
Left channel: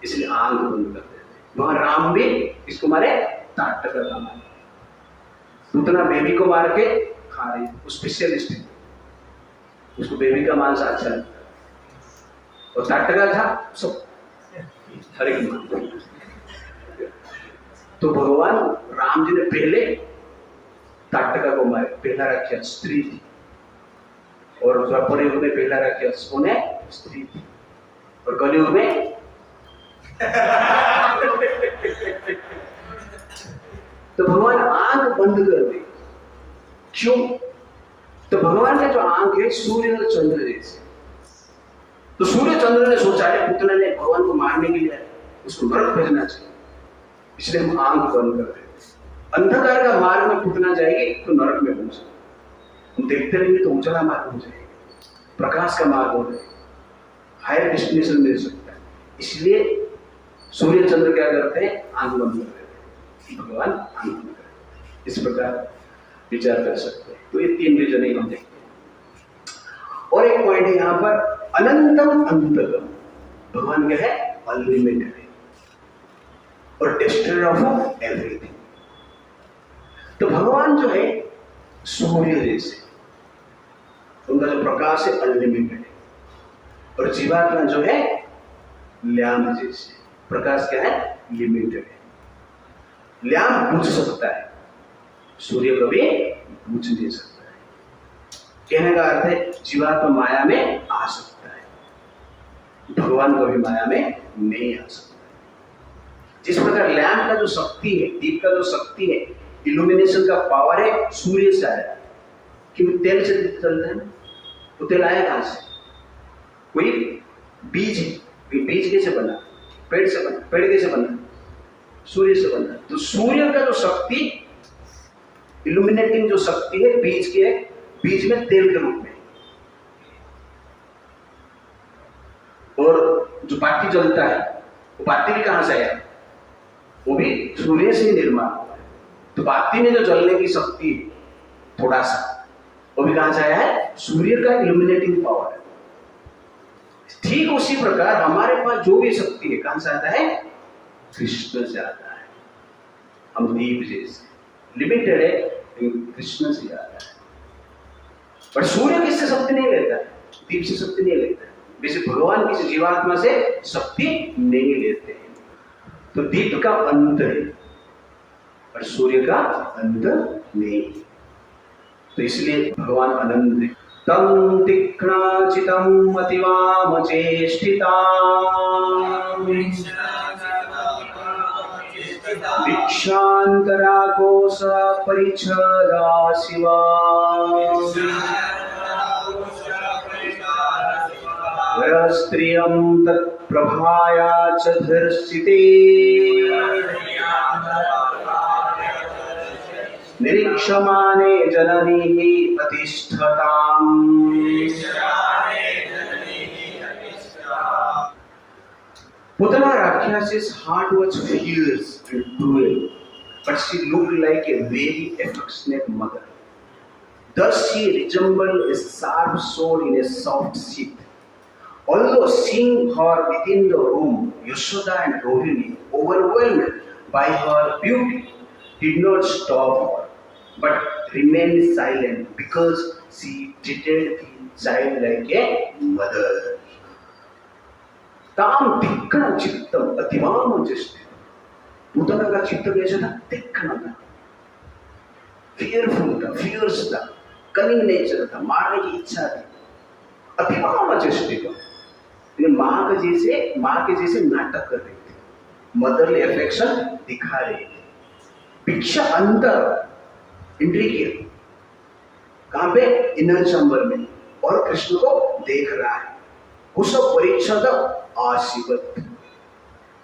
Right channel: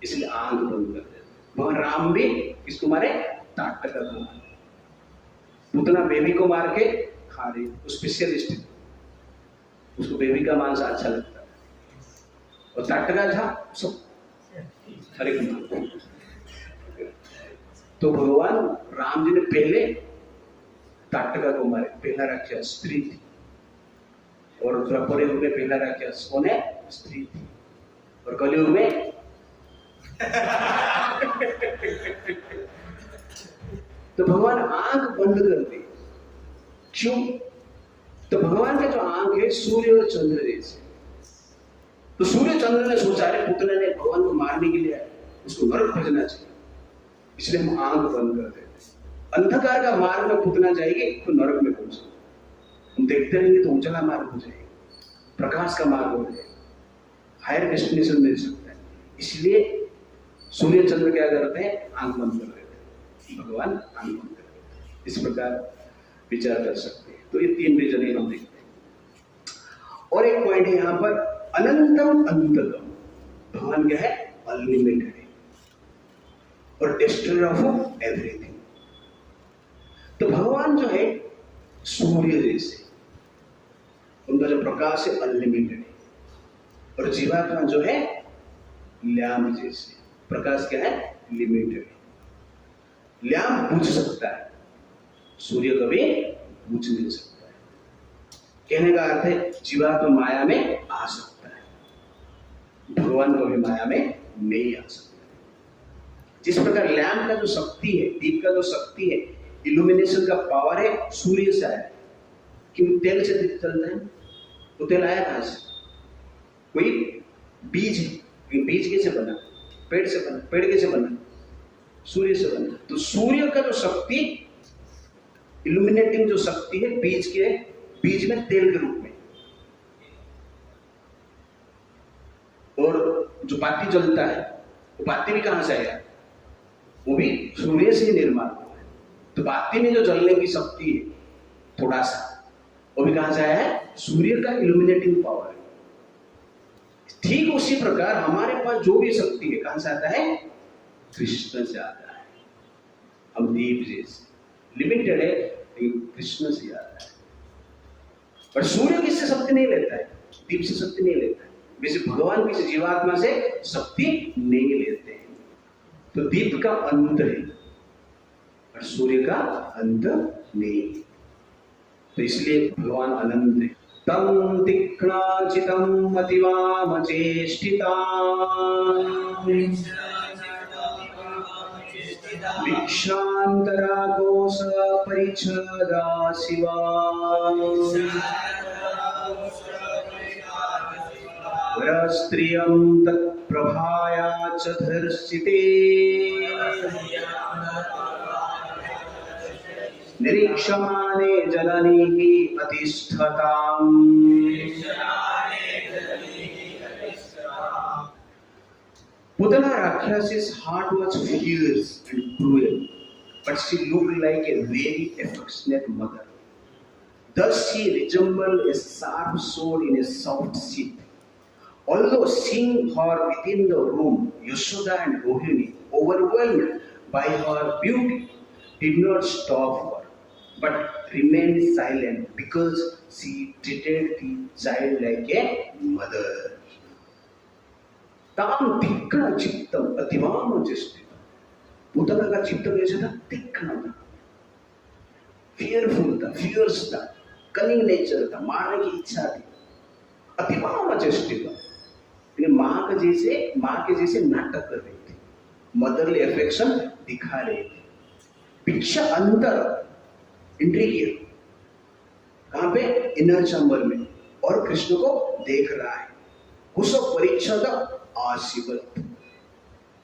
इसलिए आंख बंद कर देते। भगवान राम भी इसको मारे, ताटका का मारे, पुतना बेबी को मार के खा रही, वो स्पेशलिस्ट है, उसको बेबी का मांस अच्छा लगता है, और ताटका था सब हर एक मान। तो भगवान राम जी ने पहले ताटका को मारे, पहला राक्षस स्त्री थी, और द्वापर युग में पहला राक्षस कौन है, स्त्री थी, और कलयुग में तो भगवान आंख बंद कर दी। क्यों? तो भगवान का जो आंख है सूर्य और चंद्र जैसे, तो सूर्य चंद्र ने सोचा है पुतना ने भगवान को मारने के लिए उसको नरक भेजना चाहिए, इसलिए हम आंख बंद कर देते। अंधकार का मार्ग में पुतना जाएगी तो नरक में पहुंचे, हम देखते रहेंगे तो उजला मार्ग हो जाएगा, प्रकाश का मार्ग हो जाएगा, हायर डेस्टिनेशन मिल सकता है। इसलिए सूर्य चंद्र क्या करते हैं, आंख बंद कर देते हैं, भगवान आंख बंद कर देते हैं। इस प्रकार विचार कर सकते हैं। तो ये 3 रीजन हम देखते हैं। और एक पॉइंट है यहाँ पर, अनंतम अंततम, भगवान क्या है, अनलिमिटेड है और डिस्ट्रॉयर ऑफ एवरीथिंग। तो भगवान जो है सूर्य जैसे, उनका जो प्रकाश है अनलिमिटेड है, और जीवात्मा जो है लैम्प जैसे, प्रकाश क्या है, लिमिटेड है। लैम्प बुझ सकता है, सूर्य कभी बुझ नहीं सकता है। कहने का अर्थ है जीवात्मा माया में आ सकता है, भगवान कभी माया में नहीं आ सकता है। जिस प्रकार लैम्प का जो शक्ति है, दीप का जो शक्ति है, इल्यूमिनेशन का पावर है, सूर्य से आया, क्योंकि तेल से चलता है ना, वो तेल आया कहां से, कोई बीज है, बीज कैसे बना, पेड़ से बना, पेड़ कैसे बना, सूर्य से बना। तो सूर्य का जो शक्ति, इल्यूमिनेटिंग जो शक्ति है, बीज में तेल के रूप में, और जो बाती जलता है, वो बाती भी कहां से आया, वो भी सूर्य से निर्माण हुआ है। तो बाती में जो जलने की शक्ति थोड़ा सा, वो भी कहां से आया है, सूर्य का इल्यूमिनेटिंग पावर है। ठीक उसी प्रकार हमारे पास जो भी शक्ति है कहां से आता है, कृष्ण से आता है। हम दीप जैसे लिमिटेड है, लेकिन कृष्ण से आता है। पर सूर्य किससे शक्ति नहीं लेता है, दीप से शक्ति नहीं लेता है। वैसे भगवान किसी जीवात्मा से शक्ति नहीं लेते हैं। तो दीप का अंत है और सूर्य का अंत नहीं। तो इसलिए भगवान अनंत है। तम तीक्ष्णाचितम अतिवामचेष्टिता दीक्षांतराकोश परिच्छदा शिवा स्त्रियं तत्प्रभाया च धर्षिते निरीक्षमाणे जननी अतिष्ठताम्। Putana Rakshas's heart was fierce and cruel, but she looked like a very affectionate mother. Thus she resembled a sharp sword in a soft sheath. Although seeing her within the room, Yashoda and Rohini, overwhelmed by her beauty, did not stop her, but remained silent because she treated the child like a mother. ताम तीक्ष्ण चित्तम अतिमाम चेष्टित। पूतना का चित्त कैसा था? तीक्ष्ण था, fearful था, फियर्स था, कनिंग नेचर था, मारने की इच्छा थी, अतिमाम चेष्टित। माँ के जैसे नाटक कर रही थी, मदरली अफेक्शन दिखा रही थी। पिक्चर अंतर एंट्री किया, कहां पे? इनर चैम्बर में, और कृष्ण को देख रहा है। उस परीक्षा का आशीर्वाद,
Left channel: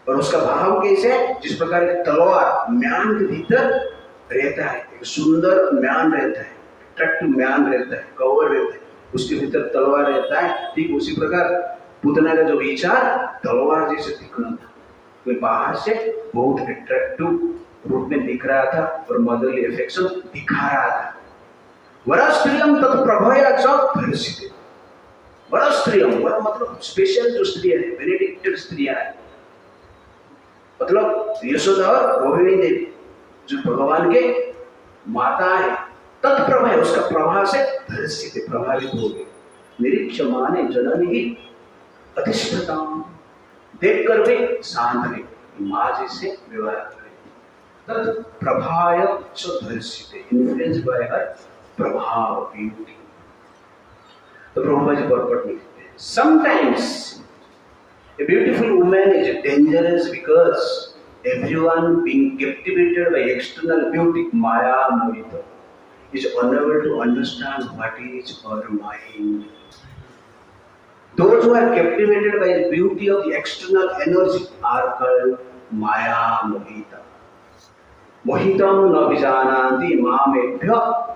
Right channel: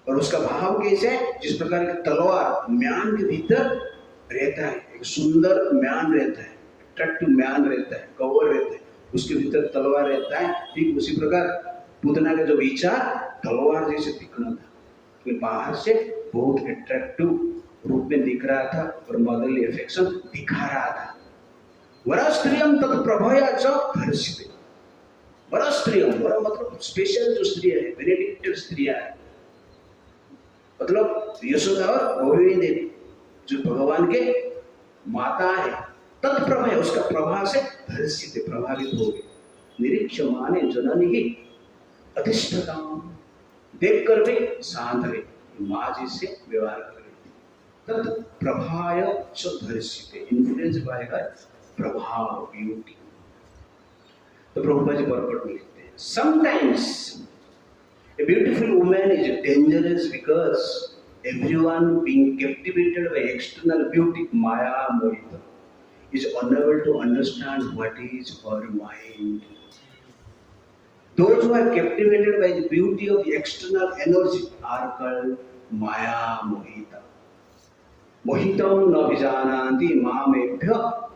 और उसका भाव कैसे है? जिस प्रकार की तलवार म्यान के भीतर रहता है, एक सुंदर म्यान रहता है, अट्रैक्टिव म्यान रहता है, कवर रहता है, उसके भीतर तलवार रहता है, ठीक उसी प्रकार पूतना का जो विचार तलवार जैसे दिखना था, तो बाहर से बहुत अट्रैक्टिव रूप में दिख रहा था और मदरली अफेक्शन दिखा रहा था। वरस्त्रियम तत्प्रभया च धर्षिते। वरस्त्रियम, वर मतलब स्पेशल जो स्त्रियां है, बेनेडिक्टेड स्त्रियां है, मतलब यशोदा और रोहिणी देवी जो भगवान के माता है, तत्प्रभा, उसका प्रभाव से धर्षित, प्रभावित हो गए। निरीक्षमाने जननी ही अधिष्ठता, देखकर वे शांत रहे, माँ जी से व्यवहार करें। तत् प्रभाय च धर्षित, इन्फ्लुएंस बाय हर प्रभाव, ब्यूटी। तो प्रभुपाद जी परपट लिखते हैं, sometimes a beautiful woman is dangerous because everyone being captivated by external beauty, Maya Mohita, is unable to understand what is her mind. Those who are captivated by the beauty of the external energy are called Maya Mohita. मोहितम न विजानाति मामेभ्य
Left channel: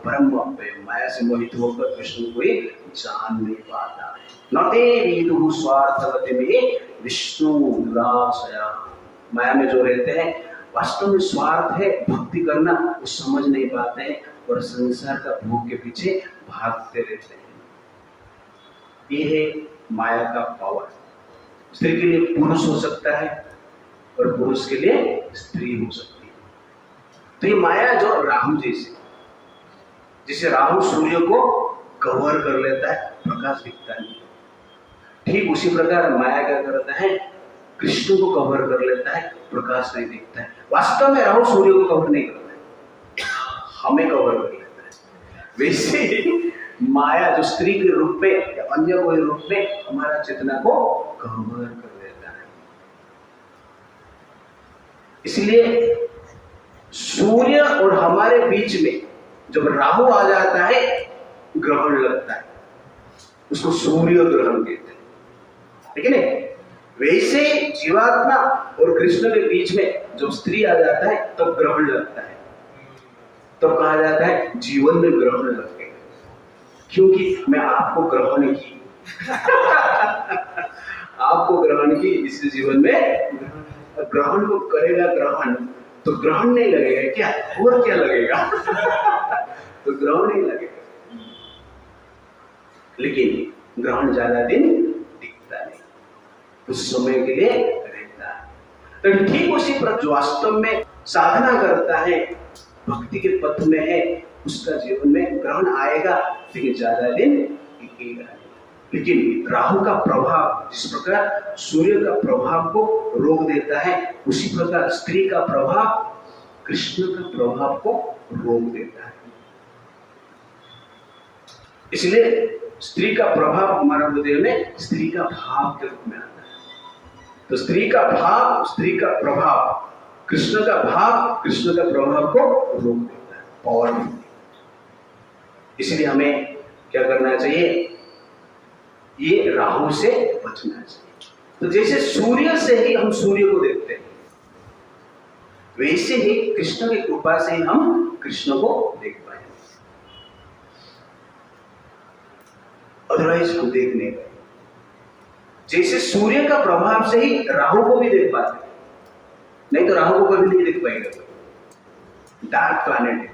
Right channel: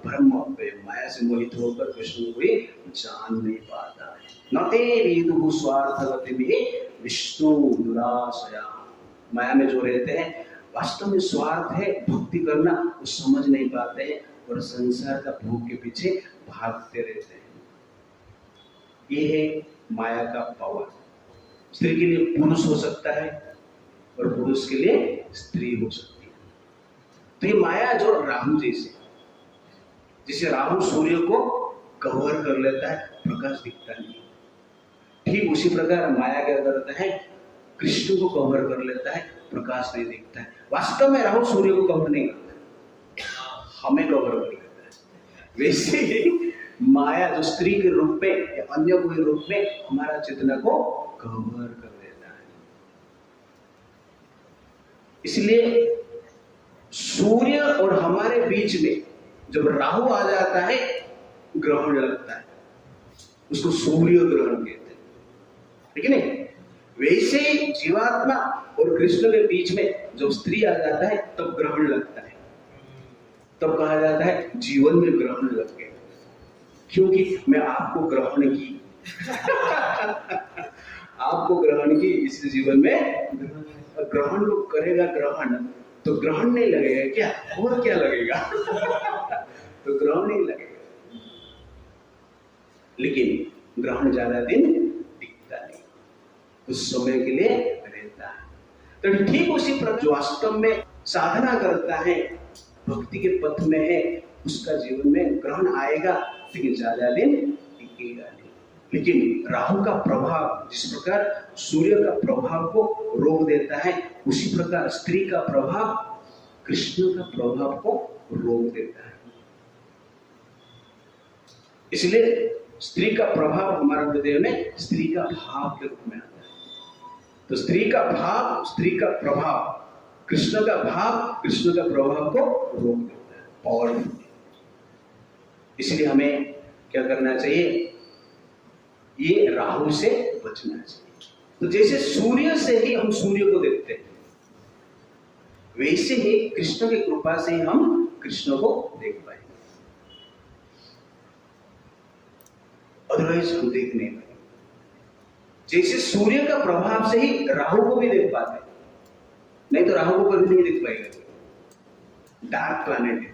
ब्रह्मभ्य। माया से मोहित होकर कृष्ण को जान नहीं पाता है। न ते विदुः स्वार्थगति में विष्णु दुराशया। माया में जो रहते हैं वास्तव में स्वार्थ है, भक्ति करना वो समझ नहीं पाते हैं और संसार का भोग के पीछे भागते रहते हैं। ये है माया का पावर। स्त्री के लिए पुरुष हो सकता है और पुरुष के लिए स्त्री हो सकती है। तो ये माया जो राहु जैसे राहु सूर्य को कवर कर लेता है, प्रकाश दिखता नहीं, ठीक उसी प्रकार माया क्या करता है? कृष्ण को कवर कर लेता है, प्रकाश नहीं दिखता है। वास्तव में राहु सूर्य को कवर नहीं करता है, हमें कवर कर लेता है। वैसे ही माया जो स्त्री के रूप में या अन्य कोई रूप में हमारा चेतना को कवर कर देता है। इसलिए सूर्य और हमारे बीच में जब राहु आ जाता है, ग्रहण लगता है, उसको सूर्य ग्रहण कहते हैं, ठीक है नहीं? वैसे जीवात्मा और कृष्ण के बीच में जब स्त्री आ जाता है तब तो ग्रहण लगता है, तब तो कहा जाता है जीवन में ग्रहण लग गए, क्योंकि मैं आपको ग्रहण की आपको ग्रहण की, इसलिए जीवन में ग्रहण को करेगा ग्रहण, तो ग्रहण नहीं लगेगा क्या? और क्या लगेगा? तो ग्रहण नहीं लगेगा, लेकिन ग्रहण ज्यादा दिन टिकता नहीं, कुछ समय के लिए रहता है। तो ठीक उसी पर जो वास्तव में साधना करता है, भक्ति के पथ में है, उसका जीवन में ग्रहण आएगा, लेकिन ज्यादा दिन टिकेगा नहीं। लेकिन राहु का प्रभाव जिस प्रकार सूर्य का प्रभाव को रोक देता है, उसी प्रकार स्त्री का प्रभाव कृष्ण का प्रभाव को रोक देता है। इसलिए स्त्री का प्रभाव हमारे हृदय में स्त्री का भाव के रूप में आता है। तो स्त्री का भाव, स्त्री का प्रभाव, कृष्ण का भाव, कृष्ण का प्रभाव को रोक देता है, पावर। इसलिए हमें क्या करना चाहिए? ये राहु से बचना चाहिए। तो जैसे सूर्य से ही हम सूर्य को देखते हैं, वैसे ही कृष्ण की कृपा से ही हम कृष्ण को देख पाएंगे, अदरवाइज हम देख नहीं पाएंगे। जैसे सूर्य का प्रभाव से ही राहु को भी देख पाते हैं, नहीं तो राहु को कभी नहीं देख पाएगा, डार्क प्लैनेट है।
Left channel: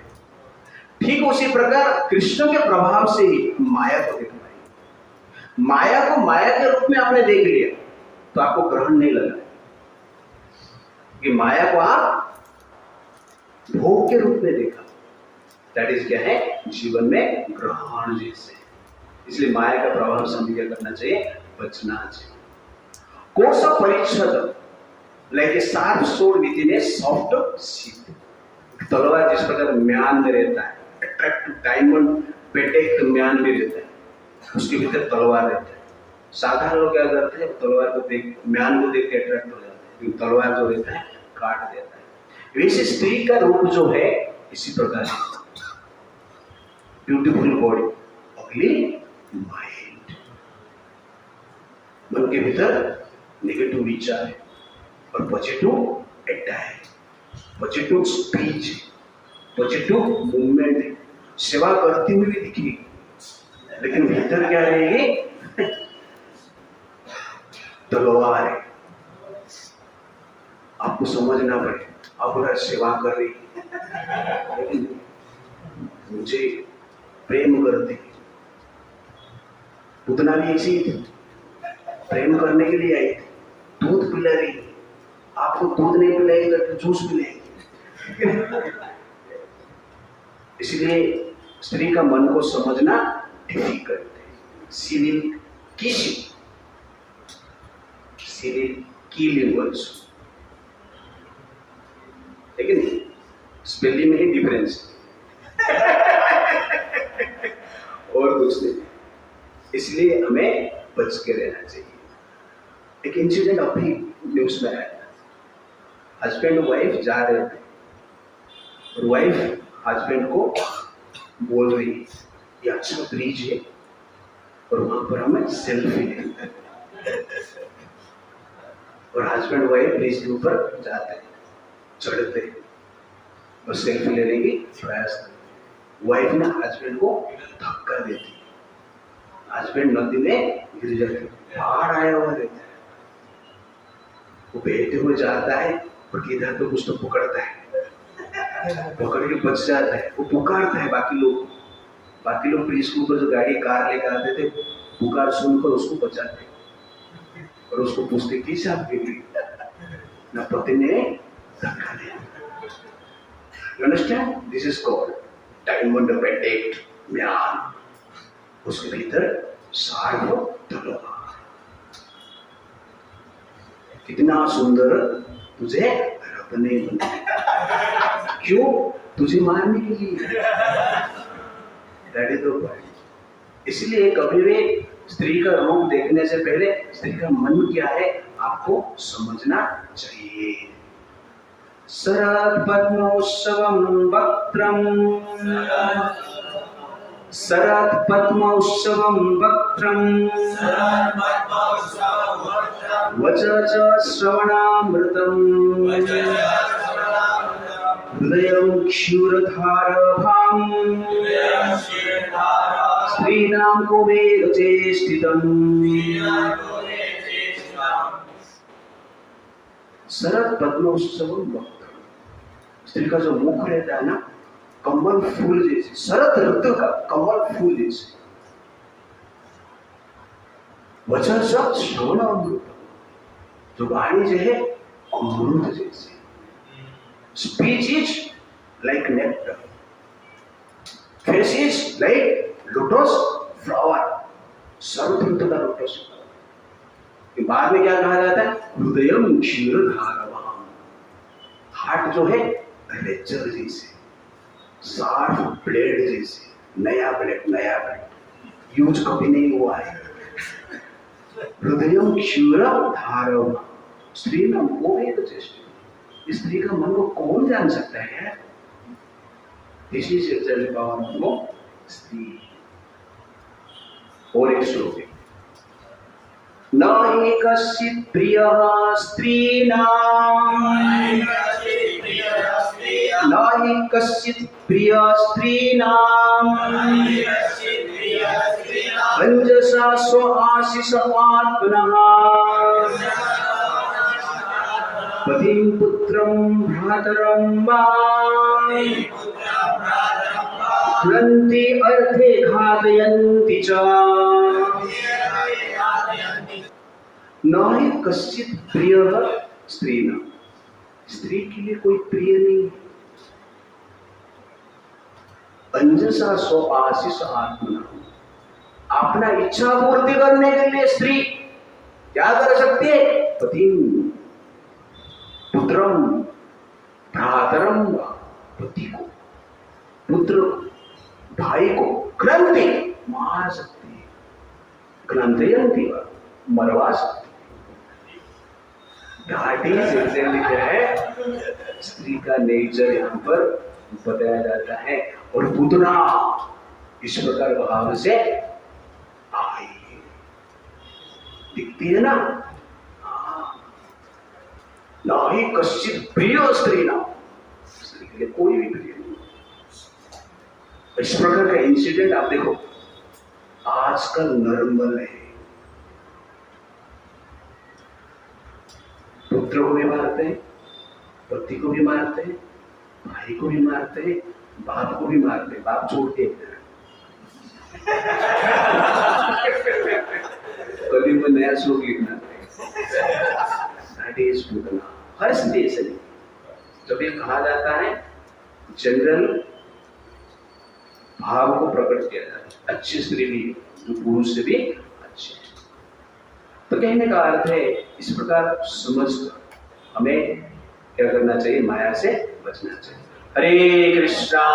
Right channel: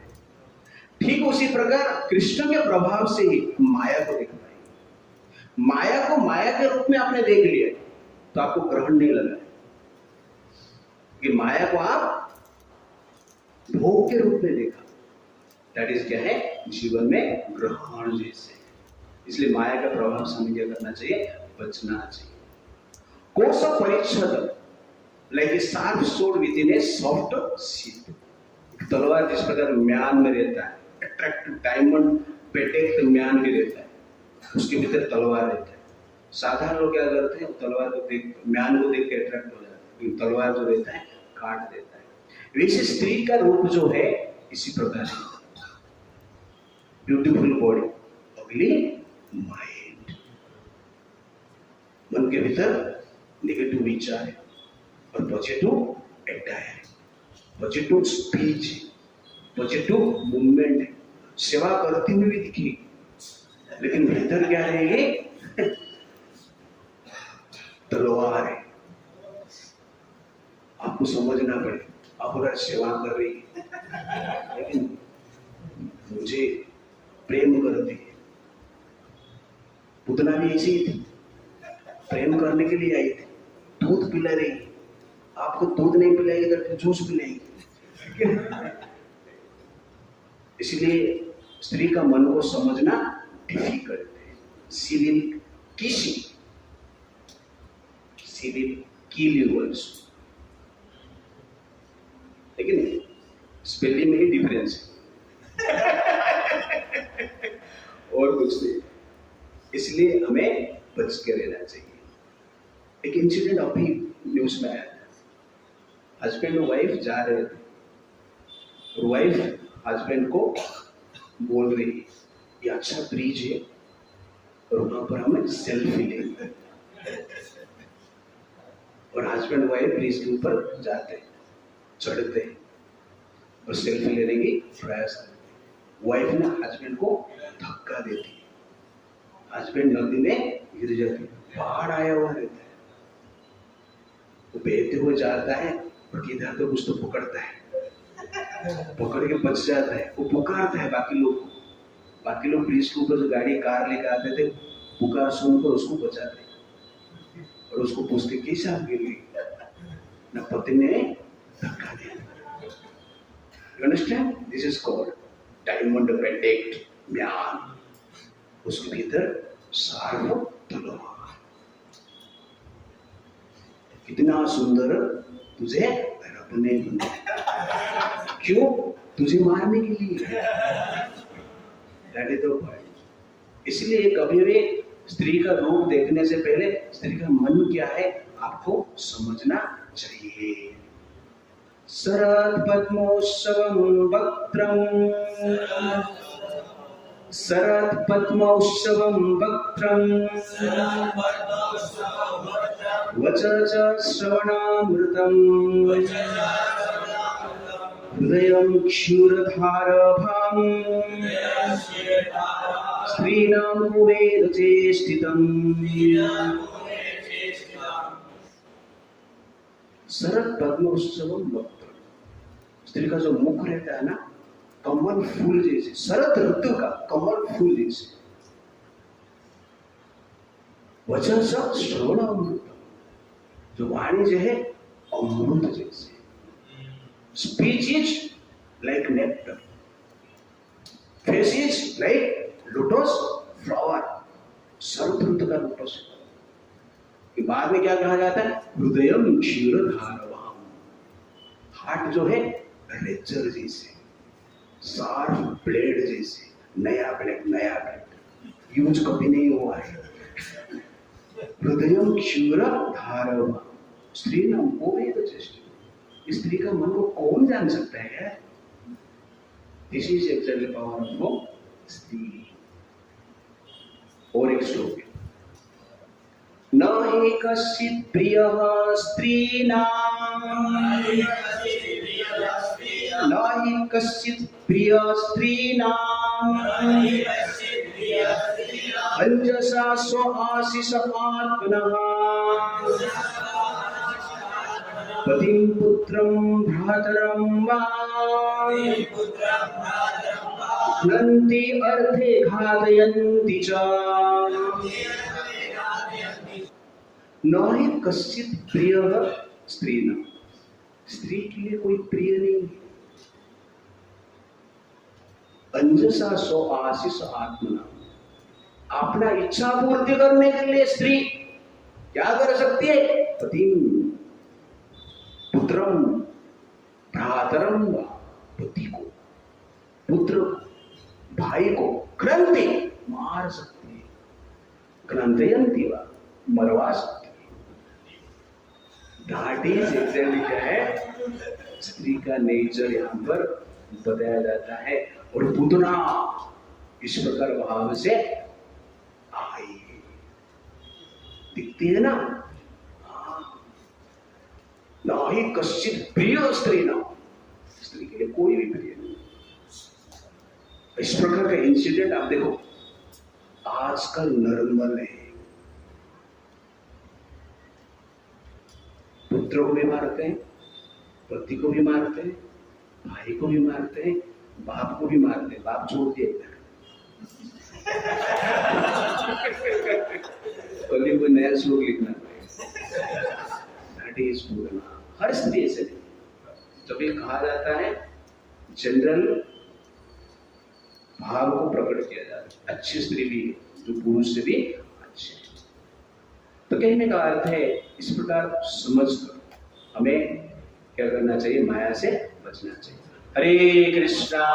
ठीक उसी प्रकार कृष्ण के प्रभाव से ही माया को देख पाएंगे। माया को माया के रूप में आपने देख लिया तो आपको ग्रहण नहीं लगा कि माया को आप भोग के रूप में देखा, दैट इज क्या है? जीवन में ग्रहण जैसे। इसलिए माया का प्रभाव से हमें क्या करना चाहिए? बचना चाहिए। कोश परिच्छद like a sharp sword within a soft sheath. तलवार जिस प्रकार म्यान में रहता है, अट्रैक्टिव डायमंड पेटेक म्यान भी रहता है, उसके भीतर तलवार रहता है। साधारण लोग क्या करते हैं, तलवार को देख, म्यान को देख के अट्रैक्ट हो जाते हैं, तलवार जो रहता है काट देता है। वैसे स्त्री का रूप जो है इसी प्रकार है, ब्यूटीफुल बॉडी, अगली माइंड, मन के भीतर नेगेटिव विचार है और पॉजिटिव अड्डा है, पॉजिटिव स्पीच, पॉजिटिव मूवमेंट है, सेवा करती हुई भी दिखेगी, लेकिन भीतर क्या रहेगी, तलवार है। आपको समझना पड़े, आप उधर सेवा कर रही लेकिन मुझे प्रेम करते, उतना भी ऐसी ही थी, प्रेम करने के लिए आई थी, दूध पिला रही, आपको दूध नहीं पिलाएगी तो जूस पिलाएगी। इसलिए स्त्री का मन को समझना डिफिकल्ट है। शी विल किस you, she will kill you also, लेकिन स्पेलिंग में ही डिफरेंस और कुछ नहीं। इसलिए हमें बच के रहना चाहिए। एक इंसिडेंट अभी न्यूज में आया था, हस्बैंड वाइफ जा रहे थे और वाइफ हस्बैंड को बोल रही, ये अच्छा ब्रिज है और वहां पर हमें सेल्फी लेंगे, और हस्बैंड वाइफ ब्रिज के ऊपर जाते हैं, चढ़ते हैं और सेल्फी लेने की प्रयास करते। वाइफ ने हस्बैंड को धक्का देती, हस्बैंड नदी में गिर जाते, पहाड़ आया हुआ रहता है, वो बहते हुए जाता है पर इधर तो कुछ तो पकड़ता है, पकड़ के बच जाता है, वो पुकारता है बाकी लोग ब्रिज के ऊपर जो गाड़ी कार लेकर आते थे, पुकार सुनकर उसको बचाते और उसको पूछते कैसे आप गिर गई, ना पति ने धक्का दिया। You understand? This is called diamond protect म्यान, उसके भीतर शार्प तलवार। कितना सुंदर तुझे रब ने बनाया, क्यों? तुझे मारने के लिए। That is the point. इसलिए कभी भी स्त्री का रूप देखने से पहले स्त्री का मन क्या है आपको समझना चाहिए। शरद पद्मोत्सवं वक्त्रं, शरद पद्मोत्सवं वक्त्रं, वचस श्रवणामृतं, हृदयं क्षीरधारभां, स्त्रीणां कुबेर चेष्टितम्। शरद पद्मोत्सवं वक्त्रं, स्त्री का जो मुख रहता है ना, कमल फूल जैसे, शरद ऋतु का कमल फूल जैसे। वचन शब्द श्रवण अमृत, जो वाणी जो है अमृत जैसे। Speech is like nectar, face is like lotus flower, शरद ऋतु का लोटस। बाद में क्या कहा जाता है, हृदयम क्षीरधारवाम, हार्ट जो है रेजर जैसे, शार्प ब्लेड जैसे, नया ब्लेड यूज कभी नहीं हुआ है। हृदयम क्षीरधारवाम, स्त्री नाम को वेद चेष्ट, स्त्री का मन को कौन जान सकता है? This is actually power of स्त्री। और एक श्लोक है, न हि कश्चित् प्रियः स्त्रीणां, न हि कश्चित् प्रियः स्त्रीणां, अंजसा स्व आशिष आत्मनः, पतिं पुत्रं भ्रातरं वा हन्ति अर्थे घातयन्ति च। न हि कश्चित् प्रियः स्त्रीणां, स्त्री के लिए कोई प्रिय नहीं है। अंजसा स्व आशिष आत्मना, अपना इच्छा पूर्ति करने के लिए स्त्री क्या कर सकती है? पतिम पुत्रम भ्रातरम व पति को, पुत्र भाई को ग्रंथि मार सकती है, ग्रंथयंती व मरवा सकती है। दैट इज एग्जैक्टली क्या है स्त्री का नेचर यहाँ पर बताया जाता है। और पुतना इस प्रकार भाव से आई दिखती है ना, ना ही कश्चित प्रिय स्त्री, ना स्त्री के लिए कोई भी प्रिय नहीं। इस प्रकार का इंसिडेंट आप देखो आजकल नॉर्मल है। पुत्र को भी मारते हैं, पति को भी मारते हैं, भाई को भी मारते हैं, बाप को भी मारते हैं, बाप छोड़ के कल ही में नया श्लोक लिखना है। हर स्थिति ऐसे नहीं। जब ये कहा जाता है जनरल भाव को प्रकट किया जाता है, अच्छी स्त्री भी जो पुरुष से भी अच्छे है। तो कहने का अर्थ है इस प्रकार समझकर हमें क्या करना चाहिए, माया से बचना चाहिए। हरे कृष्णा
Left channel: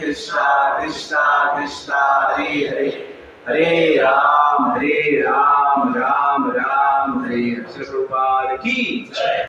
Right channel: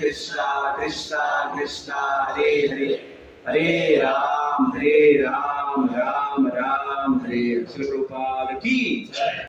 कृष्णा कृष्णा हरे हरे, हरे राम राम राम हरे हरे। श्री प्रभुपाद की जय।